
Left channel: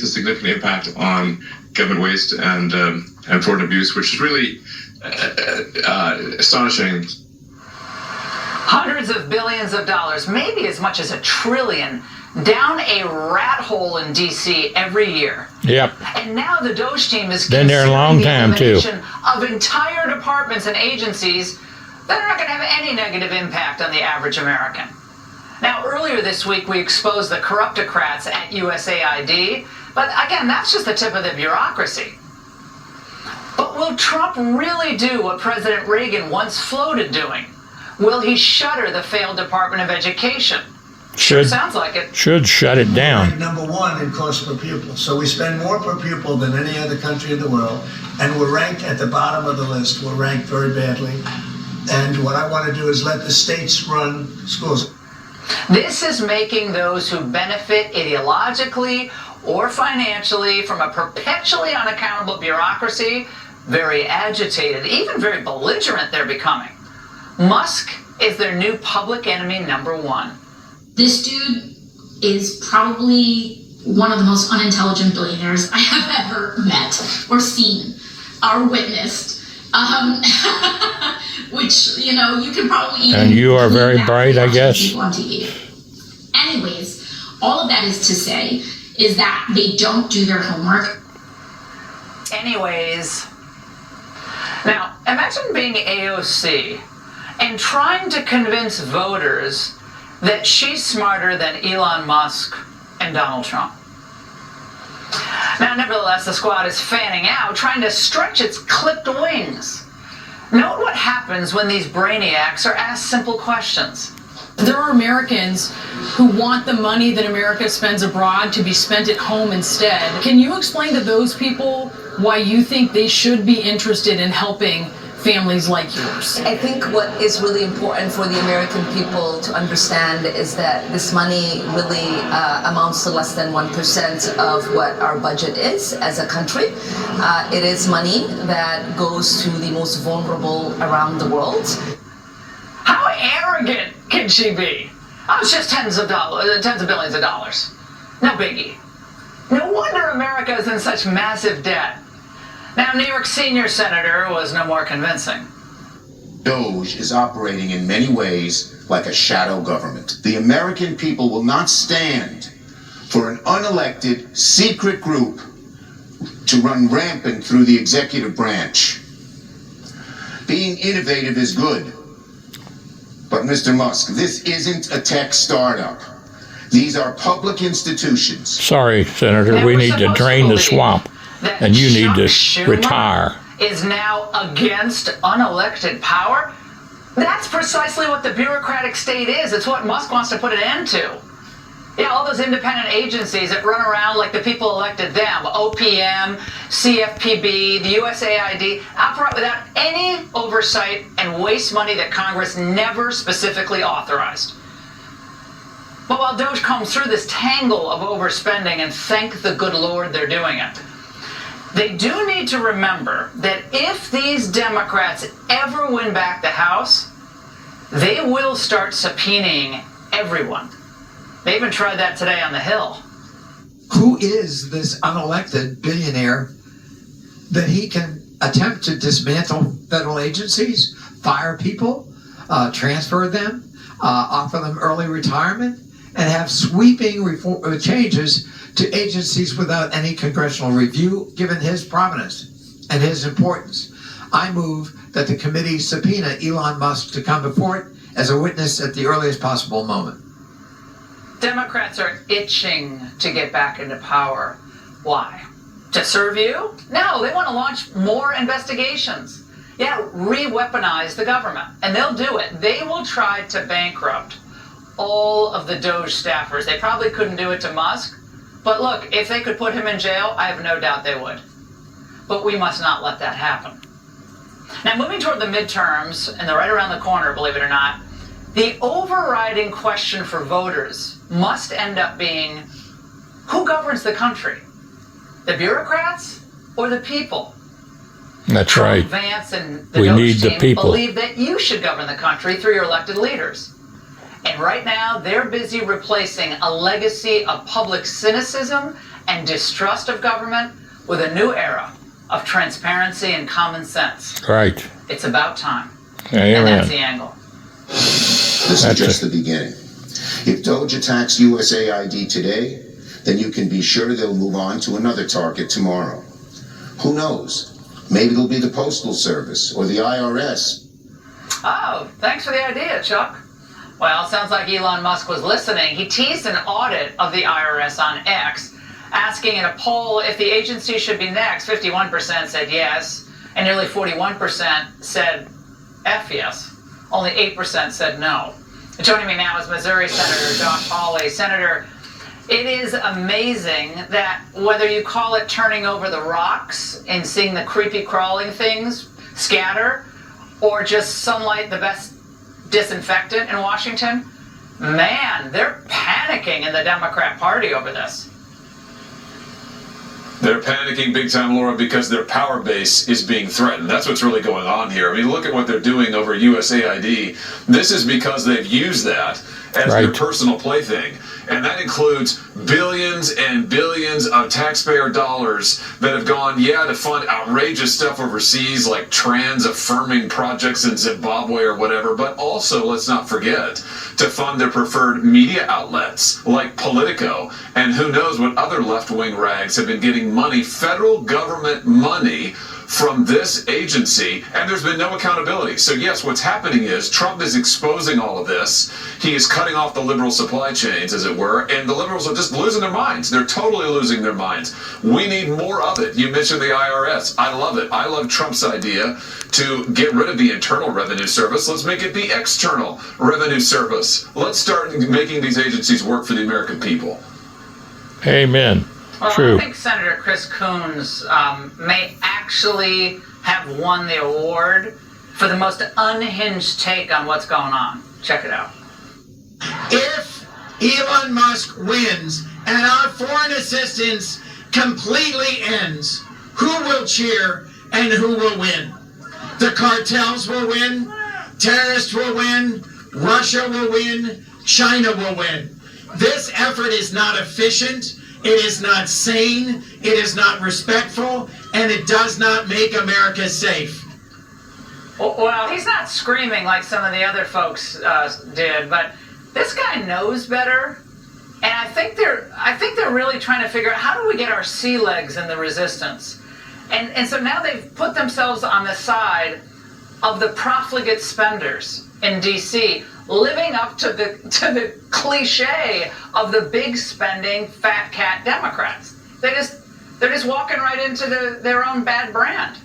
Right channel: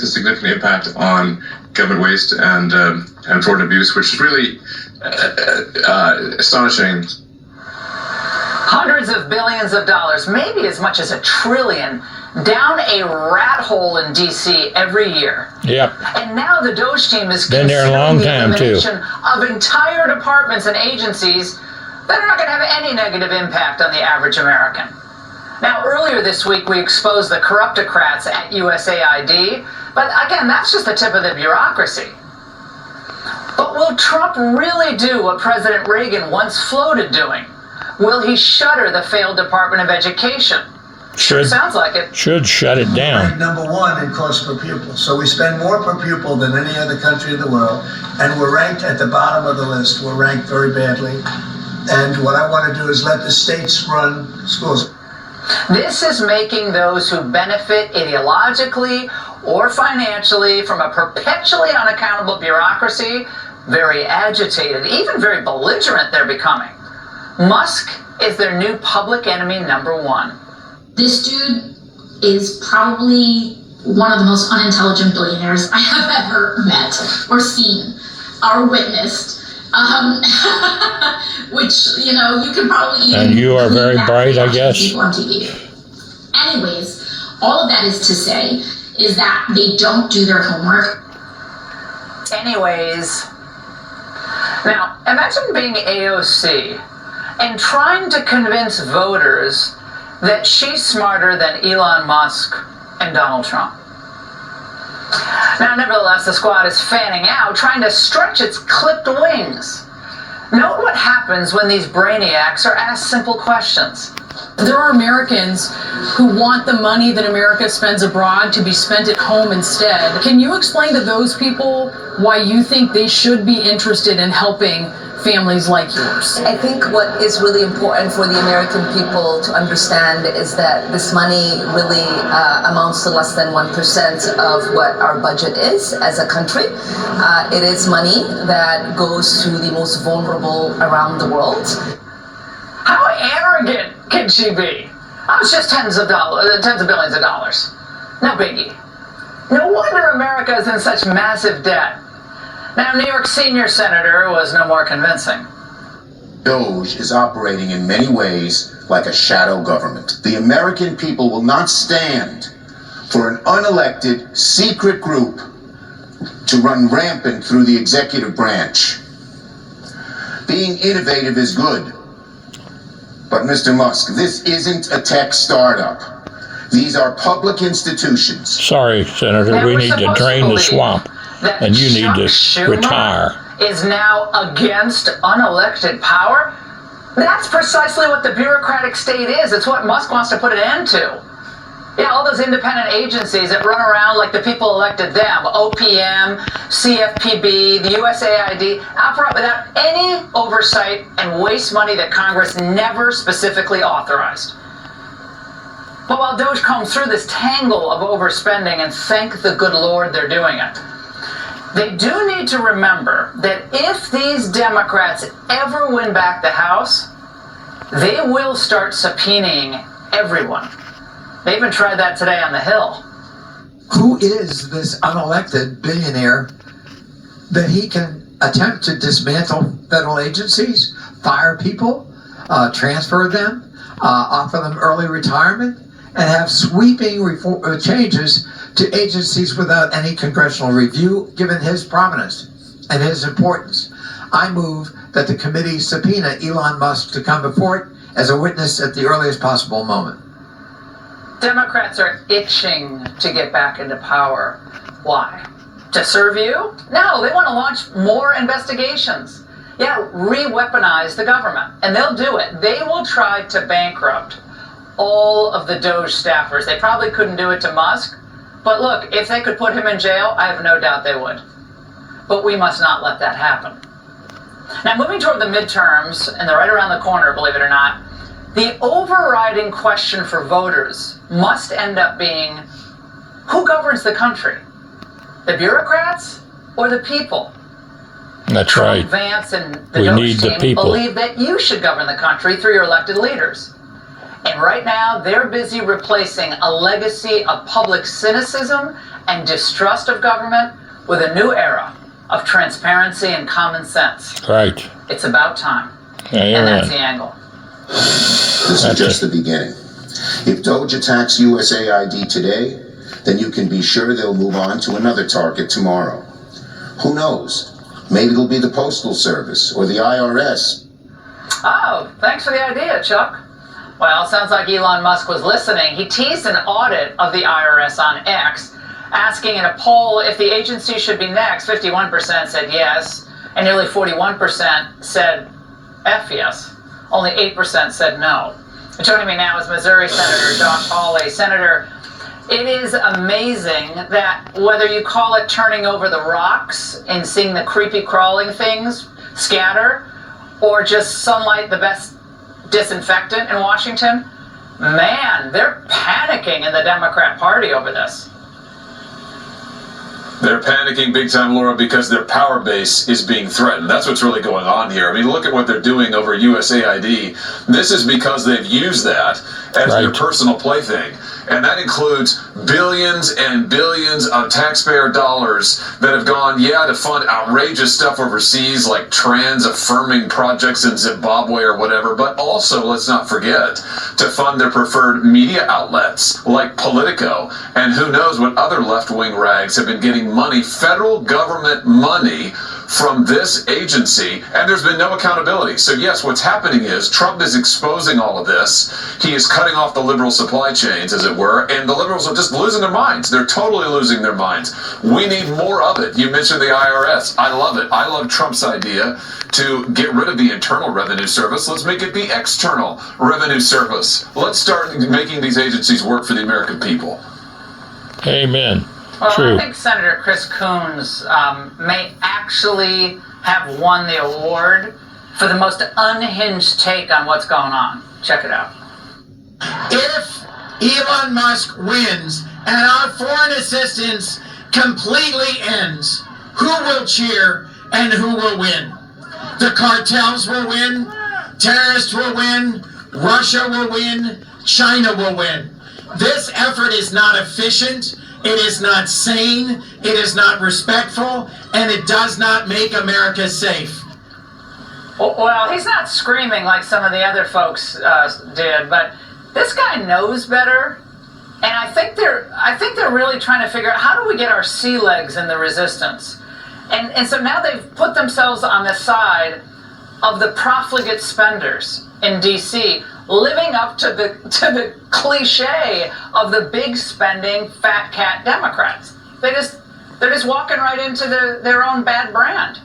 and significant impact on government waste and fraud and abuse, which is really astonishing. Hundreds of billions of dollars, maybe as much as $1 trillion, down a rat hole in D.C. every year. Yep. And now the Doge team is Been there a long time, too. elimination of entire departments and agencies that are not going to have any negative impact on the average American. Now, earlier this week, we exposed the corruptocrats at USAID, but again, that's just the tip of the bureaucracy. But will Trump really do what President Reagan once floated doing? Will he shutter the failed Department of Education? Sure sounds like it. Should shut it down. Number one in cost per pupil. So we spend more per pupil than any other country in the world, and we're ranked at the bottom of the list. We're ranked very badly. And what I want to do is let the states run schools. This is making those who benefit ideologically or financially from a perpetually unaccountable bureaucracy very agitated, even very belligerent they're becoming. Musk is their new public enemy number one. This dude is probably one of the most unintelligent billionaires I have ever met or seen or witnessed. Which, you know, you can probably even... And you are very bright, I guess. People on TV. Anyways, all of that is to say is that they don't do their homework. Anyways, now imagine being AOC and trying to convince voters that she's smarter than Elon Musk and Donald Trump. Now, nevertheless, the squad is fanning out, trying to stretch its clipped wings. Note what happens when these brainiacs are asked simple questions. There are Americans who want the money that America spends abroad to be spent at home instead. Can you explain to those people why you think they should be interested in helping families like yours? I think what is really important for the American people to understand is that this money really amounts to less than 1% of what our budget is as a country. It is money that goes to the most vulnerable around the world. How arrogant can she be? Oh, it's just tens of billions of dollars. No biggie. No wonder America is in such massive debt. Now, New York senior senator was no more convincing. Doge is operating in many ways like a shadow government. The American people will not stand for an unelected, secret group to run rampant through the executive branch. Being innovative is good. But Mr. Musk, this isn't a tech startup. These are public institutions. Sorry, Senator, we need to drain the swamp, and you need to retire. Is now against unelected power? That's precisely what the bureaucratic state is. It's what Musk wants to put an end to. Yeah, all those independent agencies that run around like the people elected them, OPM, CFPB, the USAID, operate without any oversight and waste money that Congress never specifically authorized. But while Doge combs through this tangle of overspending, and thank the good Lord they're doing it, they do need to remember that if these Democrats ever win back the House, they will start subpoenaing everyone. They even tried that today on the Hill. Who is this unelected billionaire that he can attempt to dismantle federal agencies, fire people, transfer them, offer them early retirement, and have sweeping changes to agencies without any congressional review, given his prominence and his importance? I move that the committee subpoena Elon Musk to come before it as a witness at the earliest possible moment. Democrats are itching to get back into power. Why? To serve you? No, they want to launch more investigations. Yeah, re-weaponize the government. And they'll do it. They will try to bankrupt all of the Doge staffers. They probably couldn't do it to Musk. But look, if they could put him in jail, I have no doubt they would. But we must not let that happen. Now, moving toward the midterms, and they're right around the corner, believe it or not, the overriding question for voters must end up being, who governs the country? The bureaucrats or the people? That's right. Vance and the We Doge need the team people. believe that you should govern the country through your elected leaders. And right now, they're busy replacing a legacy of public cynicism and distrust of government with a new era of transparency and common sense. Right. It's about time. Yeah, and you're that's right. the angle. This is just the beginning. If Doge attacks USAID today, then you can be sure they'll move on to another target tomorrow. Who knows? Maybe it'll be the Postal Service or the IRS. Oh, thanks for the idea, Chuck. Well, sounds like Elon Musk was listening. He teased an audit of the IRS on X, asking in a poll if the agency should be next. 51% said yes, and nearly 41% said F yes. Only 8% said no. And joining me now is Missouri Senator Josh Hawley. Senator, it is amazing that whether you call it turning over the rocks and seeing the creepy crawling things scatter, or just sunlight the best disinfectant in Washington, man, they're panicking in the Democrat Party over this. They're panicking big time, Laura, because their power base is being threatened. That's what's really going on here. I mean, look at what they're doing over USAID. This is because they've used that as their personal plaything. And that includes billions and billions of taxpayer dollars that have gone, to fund outrageous stuff overseas, like trans-affirming projects in Zimbabwe or whatever, but also, let's not forget, to fund their preferred media outlets, like Politico, and who knows what other left-wing rags have been getting money, federal government money, from this agency, and there's been no accountability. So yes, what's happening is Trump is exposing all of this. He is cutting off the liberal supply chains, as it were, and the liberals are just losing their minds. They're totally losing their minds. We need more of it. You mentioned the IRS. I love it. I love Trump's idea to get rid of the Internal Revenue Service. Let's make it the External Revenue Service. Let's start making these agencies work for the American people. Amen. Well, True. I think Senator Chris Coons may actually have won the award for the most unhinged take on what's going on. Check it out. If Elon Musk wins and our foreign assistance completely ends, who will cheer and who will win? The cartels will win, terrorists will win, Russia will win, China will win. This effort is not efficient, it is not sane, it is not respectful, and it does not make America safe. Well, he's not screaming like some of the other folks did, but this guy knows better, and I think they're really trying to figure out, how do we get our sea legs in the resistance? And so now they've put themselves on the side of the profligate spenders in D.C., living up to the cliche of the big spending fat cat Democrats. They're just walking right into their own bad brand.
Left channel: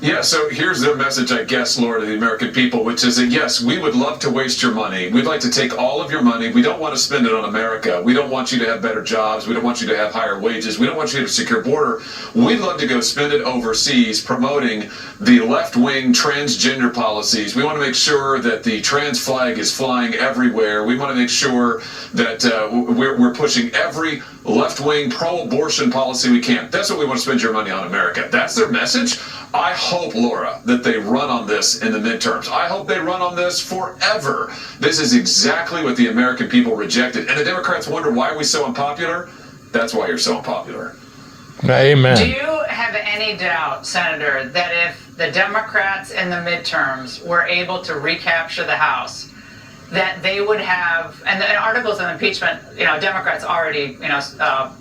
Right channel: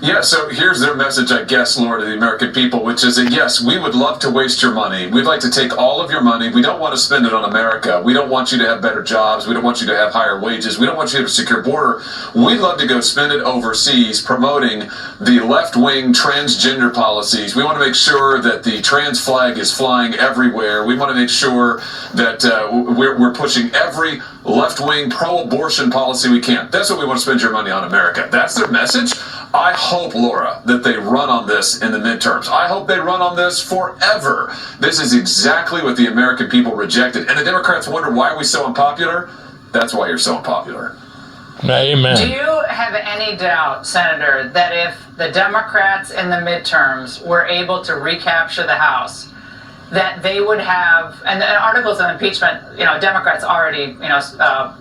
Yeah, so here's their message, I guess, Laura, to the American people, which is that, yes, we would love to waste your money. We'd like to take all of your money. We don't want to spend it on America. We don't want you to have better jobs. We don't want you to have higher wages. We don't want you to have a secure border. We'd love to go spend it overseas promoting the left-wing transgender policies. We want to make sure that the trans flag is flying everywhere. We want to make sure that we're pushing every left-wing pro-abortion policy we can. That's what we want to spend your money on, America. That's their message. I hope, Laura, that they run on this in the midterms. I hope they run on this forever. This is exactly what the American people rejected. And the Democrats wonder, why are we so unpopular? That's why you're so unpopular. Amen. Do you have any doubt, Senator, that if the Democrats in the midterms were able to recapture the House, that they would have, and the articles of impeachment, Democrats already,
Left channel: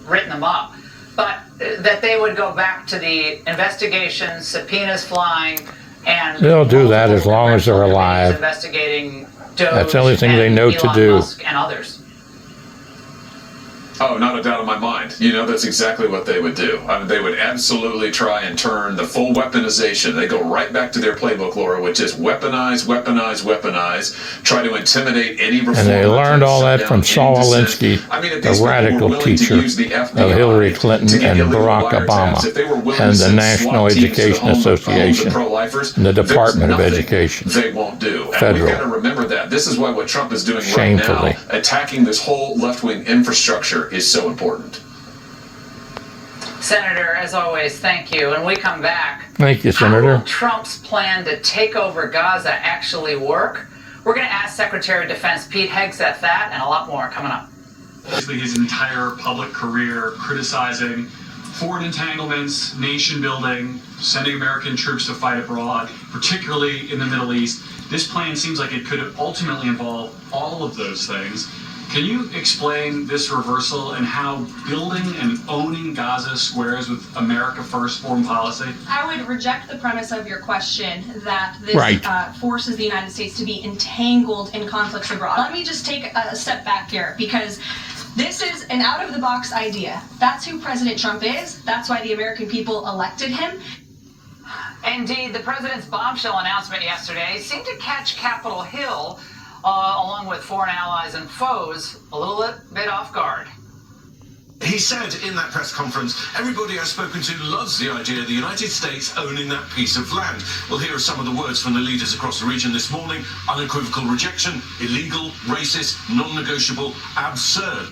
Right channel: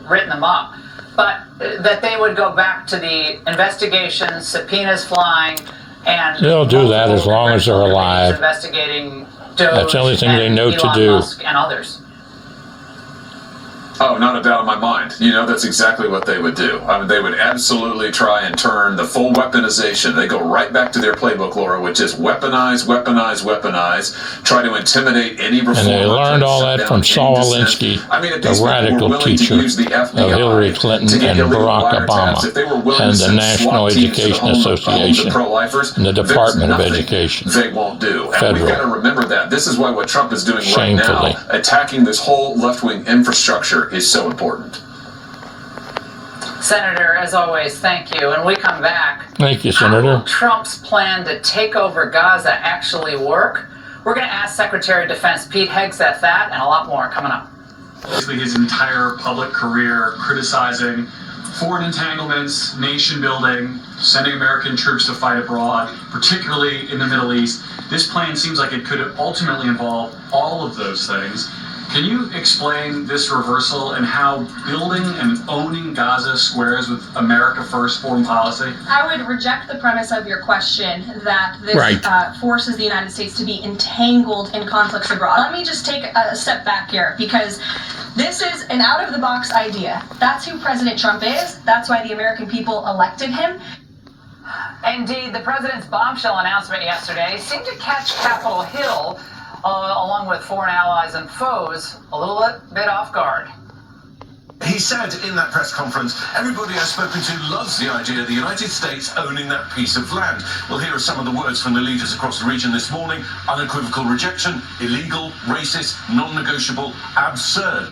written them up, but that they would go back to the investigations, subpoenas flying, and they'll do that as long as they're alive. Investigating Doge. That's the only thing they know Elon to do. Musk and others. Oh, not a doubt in my mind. That's exactly what they would do. I mean, they would absolutely try and turn the full weaponization. They go right back to their playbook, Laura, which is weaponize, weaponize, weaponize, try to intimidate any reform. And they learned all that from Saul Alinsky, the radical teacher of Hillary Clinton and Barack Obama, and the National Education Association, and the Department of Education. They won't do. And Federal. we've got to remember that. This is why what Trump is doing Shamefully. right now, attacking this whole left-wing infrastructure, is so important. Senator, as always, thank you. When we come back, thank you, Senator. How will Trump's plan to take over Gaza actually work? We're going to ask Secretary of Defense Pete Hegseth that and a lot more coming up. Basically, his entire public career criticizing foreign entanglements, nation building, sending American troops to fight abroad, particularly in the Middle East. This plan seems like it could ultimately involve all of those things. Can you explain this reversal and how building and owning Gaza squares with America First foreign policy? I would reject the premise of your question that this forces the United States to be entangled in conflicts abroad. Let me just take a step back here, because this is an out-of-the-box idea. That's who President Trump is. That's why the American people elected him. Indeed, the president's bombshell announcement yesterday seemed to catch Capitol Hill, along with foreign allies and foes, a little bit off guard. He said in that press conference, everybody I've spoken to loves the idea of the United States owning that piece of land. Well, here are some of the words from the leaders across the region this morning. Unequivocal rejection, illegal, racist, non-negotiable, absurd.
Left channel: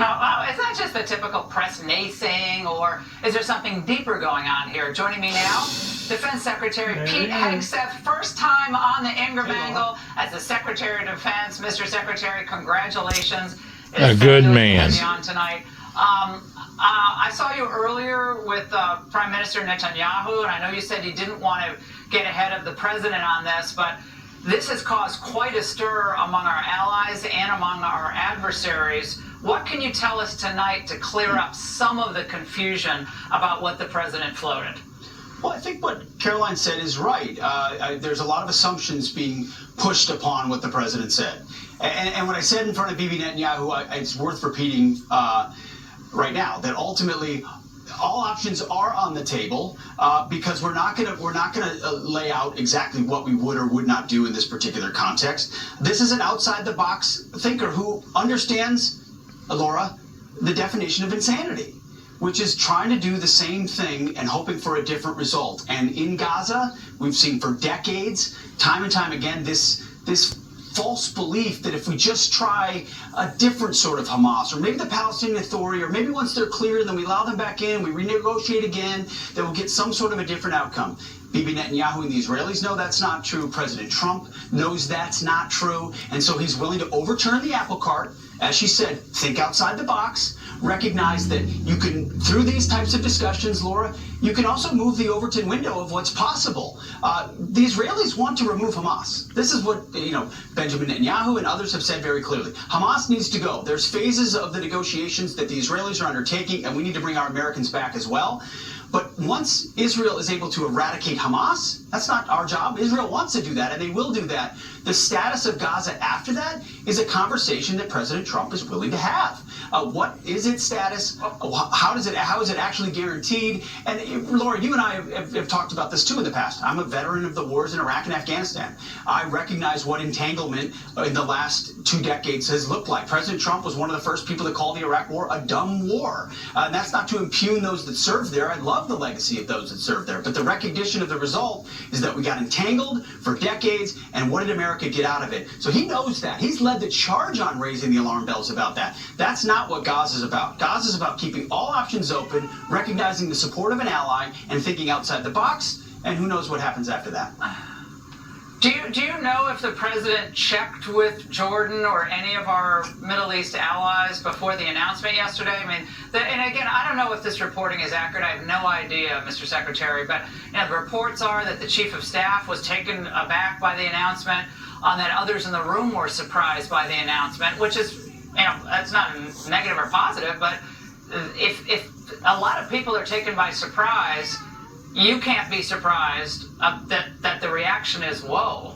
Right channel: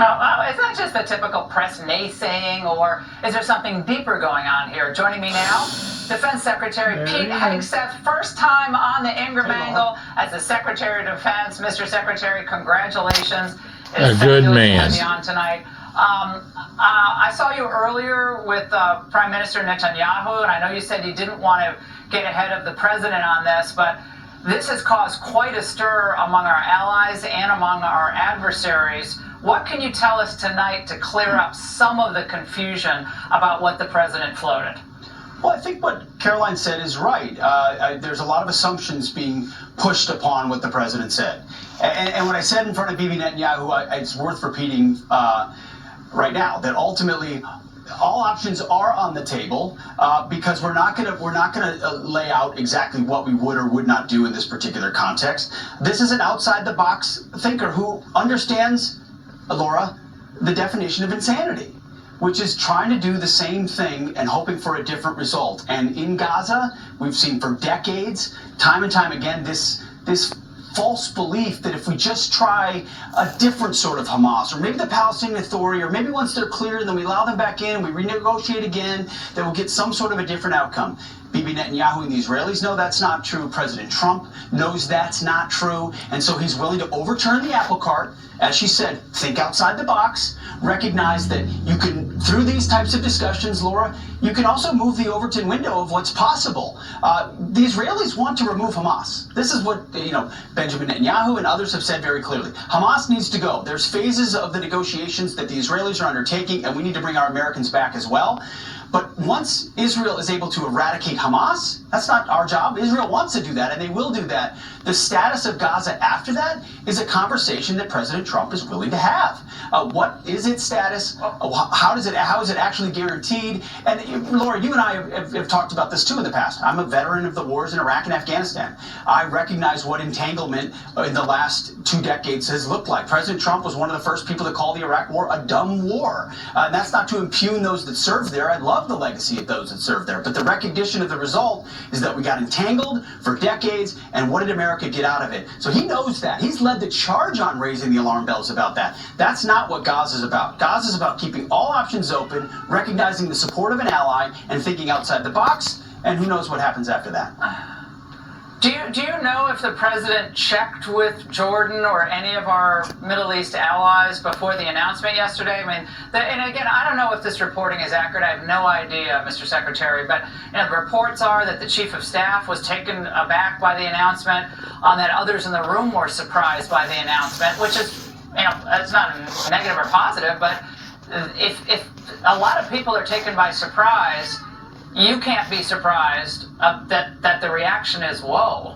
Oh, is that just the typical press naysaying, or is there something deeper going on here? Joining me now, Defense Secretary Pete Hegseth, first time on the Ingram Angle as the Secretary of Defense. Mr. Secretary, congratulations. A good man. On tonight. I saw you earlier with Prime Minister Netanyahu, and I know you said you didn't want to get ahead of the president on this, but this has caused quite a stir among our allies and among our adversaries. What can you tell us tonight to clear up some of the confusion about what the president floated? Well, I think what Caroline said is right. There's a lot of assumptions being pushed upon what the president said. And what I said in front of Bibi Netanyahu, it's worth repeating right now, that ultimately all options are on the table because we're not going to lay out exactly what we would or would not do in this particular context. This is an outside-the-box thinker who understands, Laura, the definition of insanity. which is trying to do the same thing and hoping for a different result. And in Gaza, we've seen for decades, time and time again, this false belief that if we just try a different sort of Hamas, or maybe the Palestinian Authority, or maybe once they're cleared, then we allow them back in, we renegotiate again, that we'll get some sort of a different outcome. Bibi Netanyahu and the Israelis know that's not true. President Trump knows that's not true. And so he's willing to overturn the apple cart. As she said, think outside the box. Recognize that you can, through these types of discussions, Laura, you can also move the Overton window of what's possible. The Israelis want to remove Hamas. This is what, Benjamin Netanyahu and others have said very clearly. Hamas needs to go. There's phases of the negotiations that the Israelis are undertaking, and we need to bring our Americans back as well. But once Israel is able to eradicate Hamas, that's not our job. Israel wants to do that, and they will do that. The status of Gaza after that is a conversation that President Trump is willing to have. What is its status? How is it actually guaranteed? And Laura, you and I have talked about this too in the past. I'm a veteran of the wars in Iraq and Afghanistan. I recognize what entanglement in the last 2 decades has looked like. President Trump was one of the first people to call the Iraq War a dumb war. And that's not to impugn those that served there. I love the legacy of those that served there. But the recognition of the result is that we got entangled for decades, and what did America get out of it? So he knows that. He's led the charge on raising the alarm bells about that. That's not what Gaza is about. Gaza is about keeping all options open, recognizing the support of an ally, and thinking outside the box, and who knows what happens after that. Do you know if the president checked with Jordan or any of our Middle East allies before the announcement yesterday? I mean, and again, I don't know if this reporting is accurate. I have no idea, Mr. Secretary, but the reports are that the chief of staff was taken aback by the announcement, that others in the room were surprised by the announcement, which is, that's not a negative or positive, but if a lot of people are taken by surprise, you can't be surprised that the reaction is, whoa.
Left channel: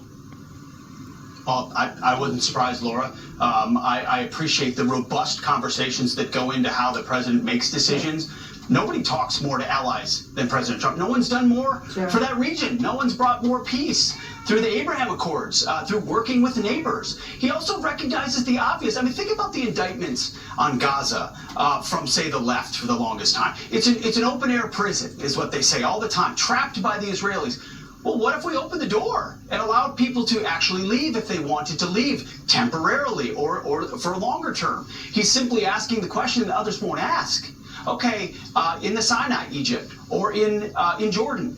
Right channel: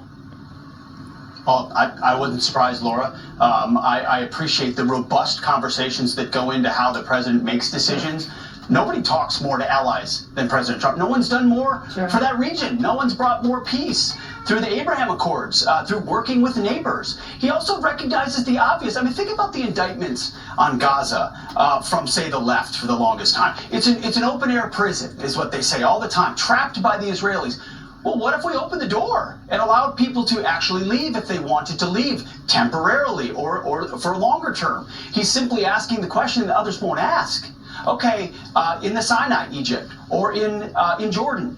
Well, I wasn't surprised, Laura. I appreciate the robust conversations that go into how the president makes decisions. Nobody talks more to allies than President Trump. No one's done more for that region. No one's brought more peace through the Abraham Accords, through working with neighbors. He also recognizes the obvious. I mean, think about the indictments on Gaza from, say, the left for the longest time. It's an open-air prison, is what they say all the time, trapped by the Israelis. Well, what if we opened the door and allowed people to actually leave if they wanted to leave temporarily or for a longer term? He's simply asking the question that others won't ask. Okay, in the Sinai, Egypt, or in Jordan,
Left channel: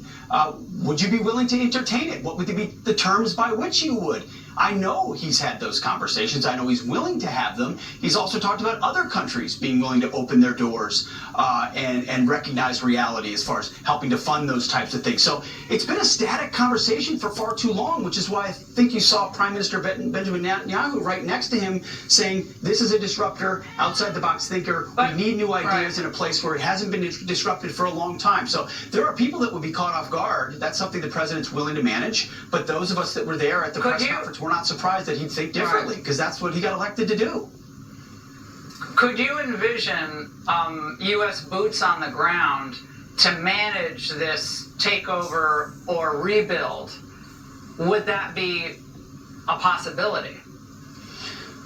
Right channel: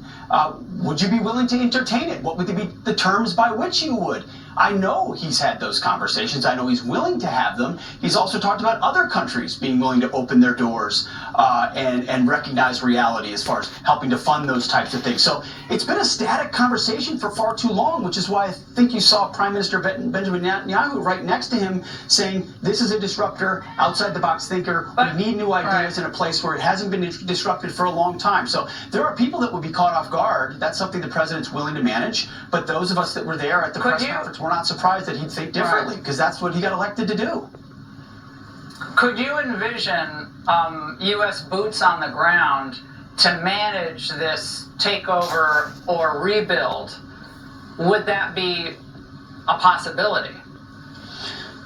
would you be willing to entertain it? What would be the terms by which you would? I know he's had those conversations. I know he's willing to have them. He's also talked about other countries being willing to open their doors and recognize reality as far as helping to fund those types of things. So it's been a static conversation for far too long, which is why I think you saw Prime Minister Benjamin Netanyahu right next to him saying, this is a disruptor, outside-the-box thinker. We need new ideas in a place where it hasn't been disrupted for a long time. So there are people that would be caught off guard. That's something the president's willing to manage. But those of us that were there at the press conference, we're not surprised that he'd think differently, because that's what he got elected to do. Could you envision U.S. boots on the ground to manage this takeover or rebuild? Would that be a possibility?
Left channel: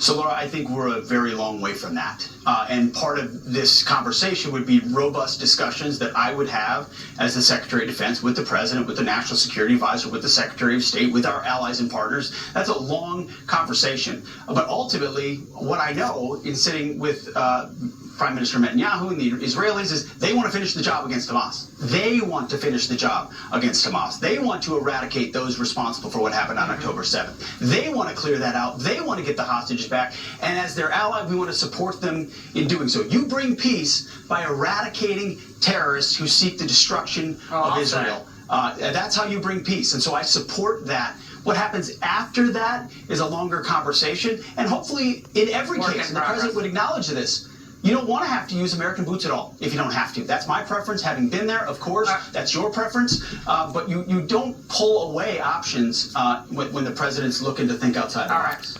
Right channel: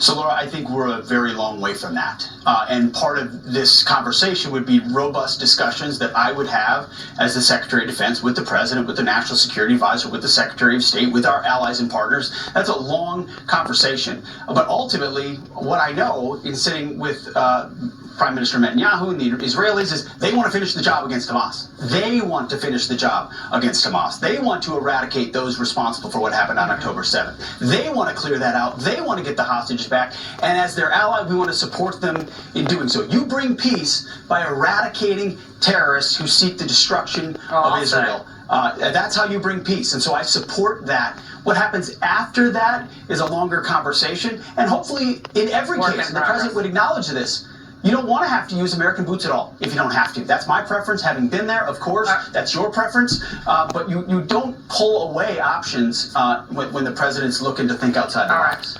So, Laura, I think we're a very long way from that. And part of this conversation would be robust discussions that I would have as the Secretary of Defense with the President, with the National Security Advisor, with the Secretary of State, with our allies and partners. That's a long conversation. But ultimately, what I know in sitting with Prime Minister Netanyahu and the Israelis is they want to finish the job against Hamas. They want to finish the job against Hamas. They want to eradicate those responsible for what happened on October 7th. They want to clear that out. They want to get the hostages back. And as their ally, we want to support them in doing so. You bring peace by eradicating terrorists who seek the destruction of Israel. That's how you bring peace. And so I support that. What happens after that is a longer conversation. And hopefully, in every case, and the President would acknowledge this, you don't want to have to use American boots at all if you don't have to. That's my preference, having been there, of course. That's your preference. But you don't pull away options when the president's looking to think outside the box.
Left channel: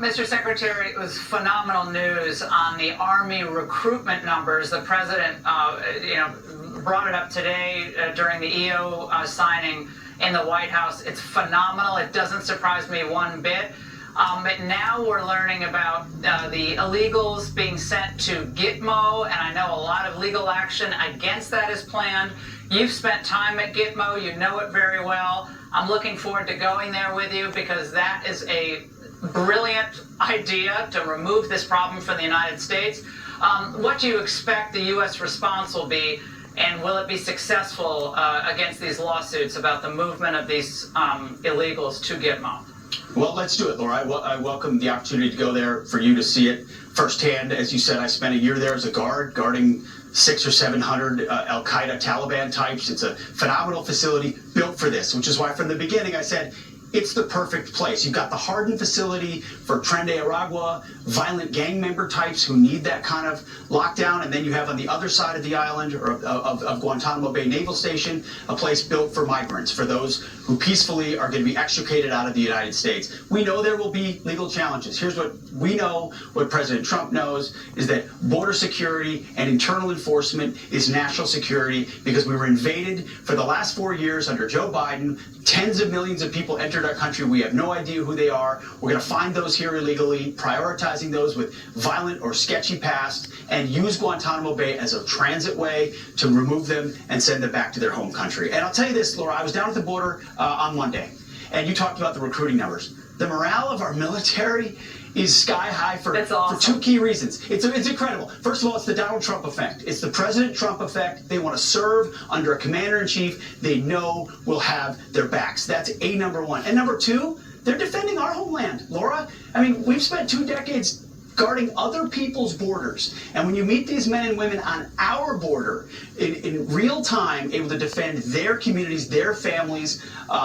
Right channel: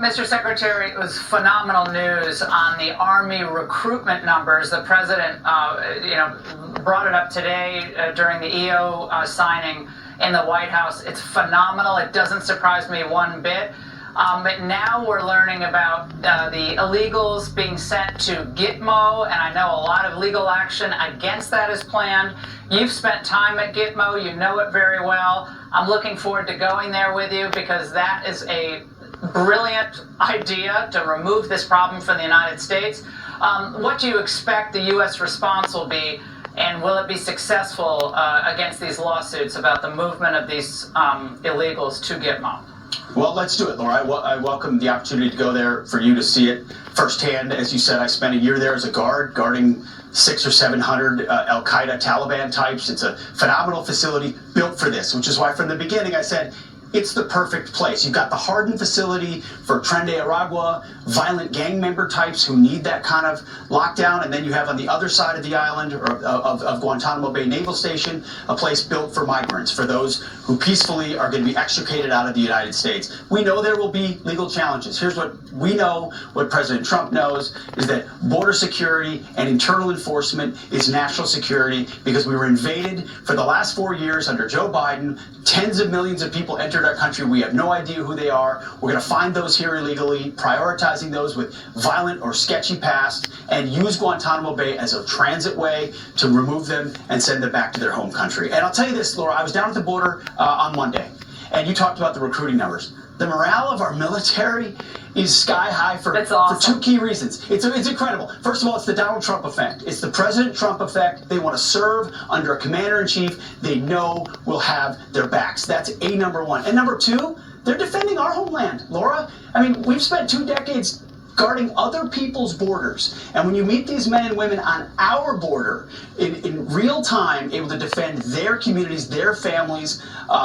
Mr. Secretary, it was phenomenal news on the Army recruitment numbers. The president, brought it up today during the EO signing in the White House. It's phenomenal. It doesn't surprise me one bit. But now we're learning about the illegals being sent to Gitmo, and I know a lot of legal action against that is planned. You've spent time at Gitmo, you know it very well. I'm looking forward to going there with you because that is a brilliant idea to remove this problem from the United States. What do you expect the U.S. response will be, and will it be successful against these lawsuits about the movement of these illegals to Gitmo? Well, let's do it, Laura. I welcome the opportunity to go there for you to see it firsthand. As you said, I spent a year there as a guard, guarding 600 or 700 Al-Qaeda Taliban types. It's a phenomenal facility built for this, which is why from the beginning I said, it's the perfect place. You've got the hardened facility for Tren de Aragua, violent gang member types who need that kind of lockdown. And then you have on the other side of the island of Guantanamo Bay Naval Station, a place built for migrants, for those who peacefully are going to be extricated out of the United States. We know there will be legal challenges. Here's what we know, what President Trump knows, is that border security and internal enforcement is national security because we were invaded for the last 4 years under Joe Biden. Tens of millions of people entered our country. We have no idea who they are. We're going to find those here illegally, prioritizing those with violent or sketchy past, and use Guantanamo Bay as a transit way to remove them and send them back to their home country. And I'll tell you this, Laura, I was down at the border on Monday, and you talked about the recruiting numbers. The morale of our military is sky high for two key reasons. It's incredible. First of all, it's the Donald Trump effect. It's the President Trump effect. They want to serve under a commander-in-chief they know will have their backs. That's number one. And number two, they're defending our homeland, Laura. I mean, we've spent 2 decades guarding other people's borders. And when you meet these men and women on our border in real time, able to defend their communities, their families,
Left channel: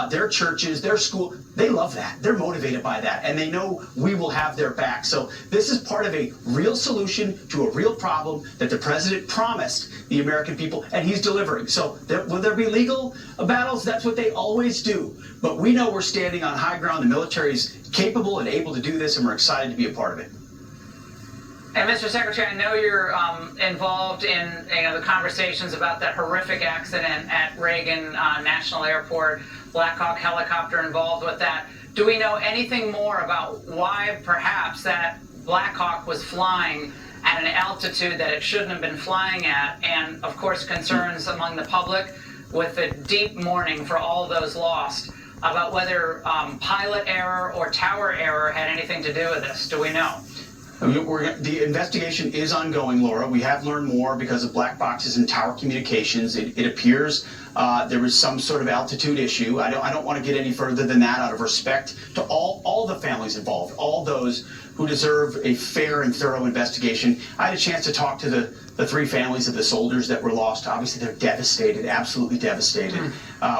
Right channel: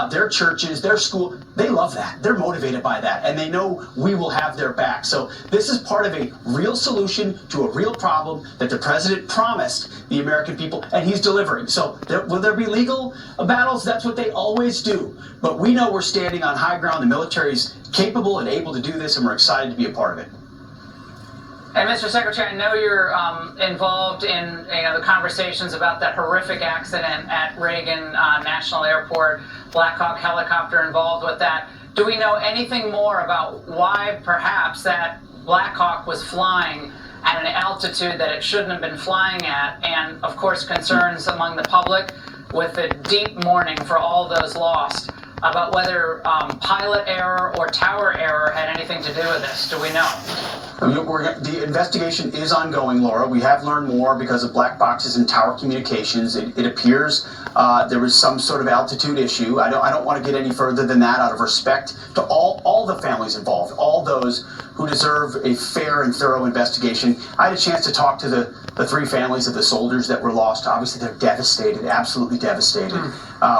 their churches, their school, they love that. They're motivated by that. And they know we will have their back. So this is part of a real solution to a real problem that the president promised the American people, and he's delivering. So will there be legal battles? That's what they always do. But we know we're standing on high ground. The military is capable and able to do this, and we're excited to be a part of it. And Mr. Secretary, I know you're involved in the conversations about that horrific accident at Reagan National Airport, Black Hawk helicopter involved with that. Do we know anything more about why perhaps that Black Hawk was flying at an altitude that it shouldn't have been flying at? And of course, concerns among the public with the deep mourning for all those lost about whether pilot error or tower error had anything to do with this. Do we know? The investigation is ongoing, Laura. We have learned more because of black boxes and tower communications. It appears there was some sort of altitude issue. I don't want to get any further than that out of respect to all the families involved, all those who deserve a fair and thorough investigation. I had a chance to talk to the 3 families of the soldiers that were lost. Obviously, they're devastated, absolutely devastated.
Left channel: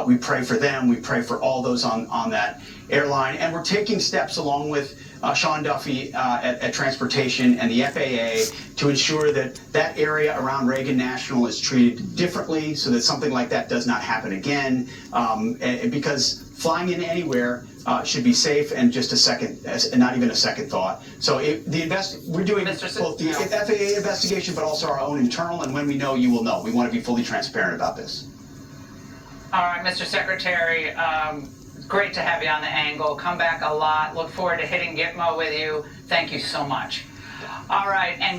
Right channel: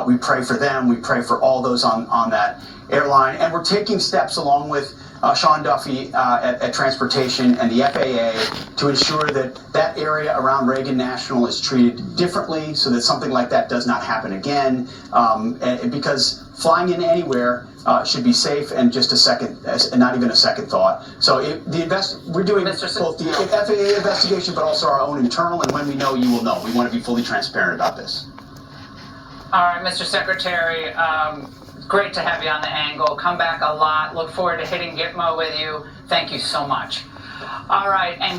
We pray for them. We pray for all those on that airline. And we're taking steps along with Sean Duffy at Transportation and the FAA to ensure that that area around Reagan National is treated differently so that something like that does not happen again. Because flying in anywhere should be safe and just a second, not even a second thought. So we're doing both the FAA investigation, but also our own internal. And when we know, you will know. We want to be fully transparent about this. All right, Mr. Secretary. Great to have you on the angle. Come back a lot. Look forward to hitting Gitmo with you. Thank you so much. All right, and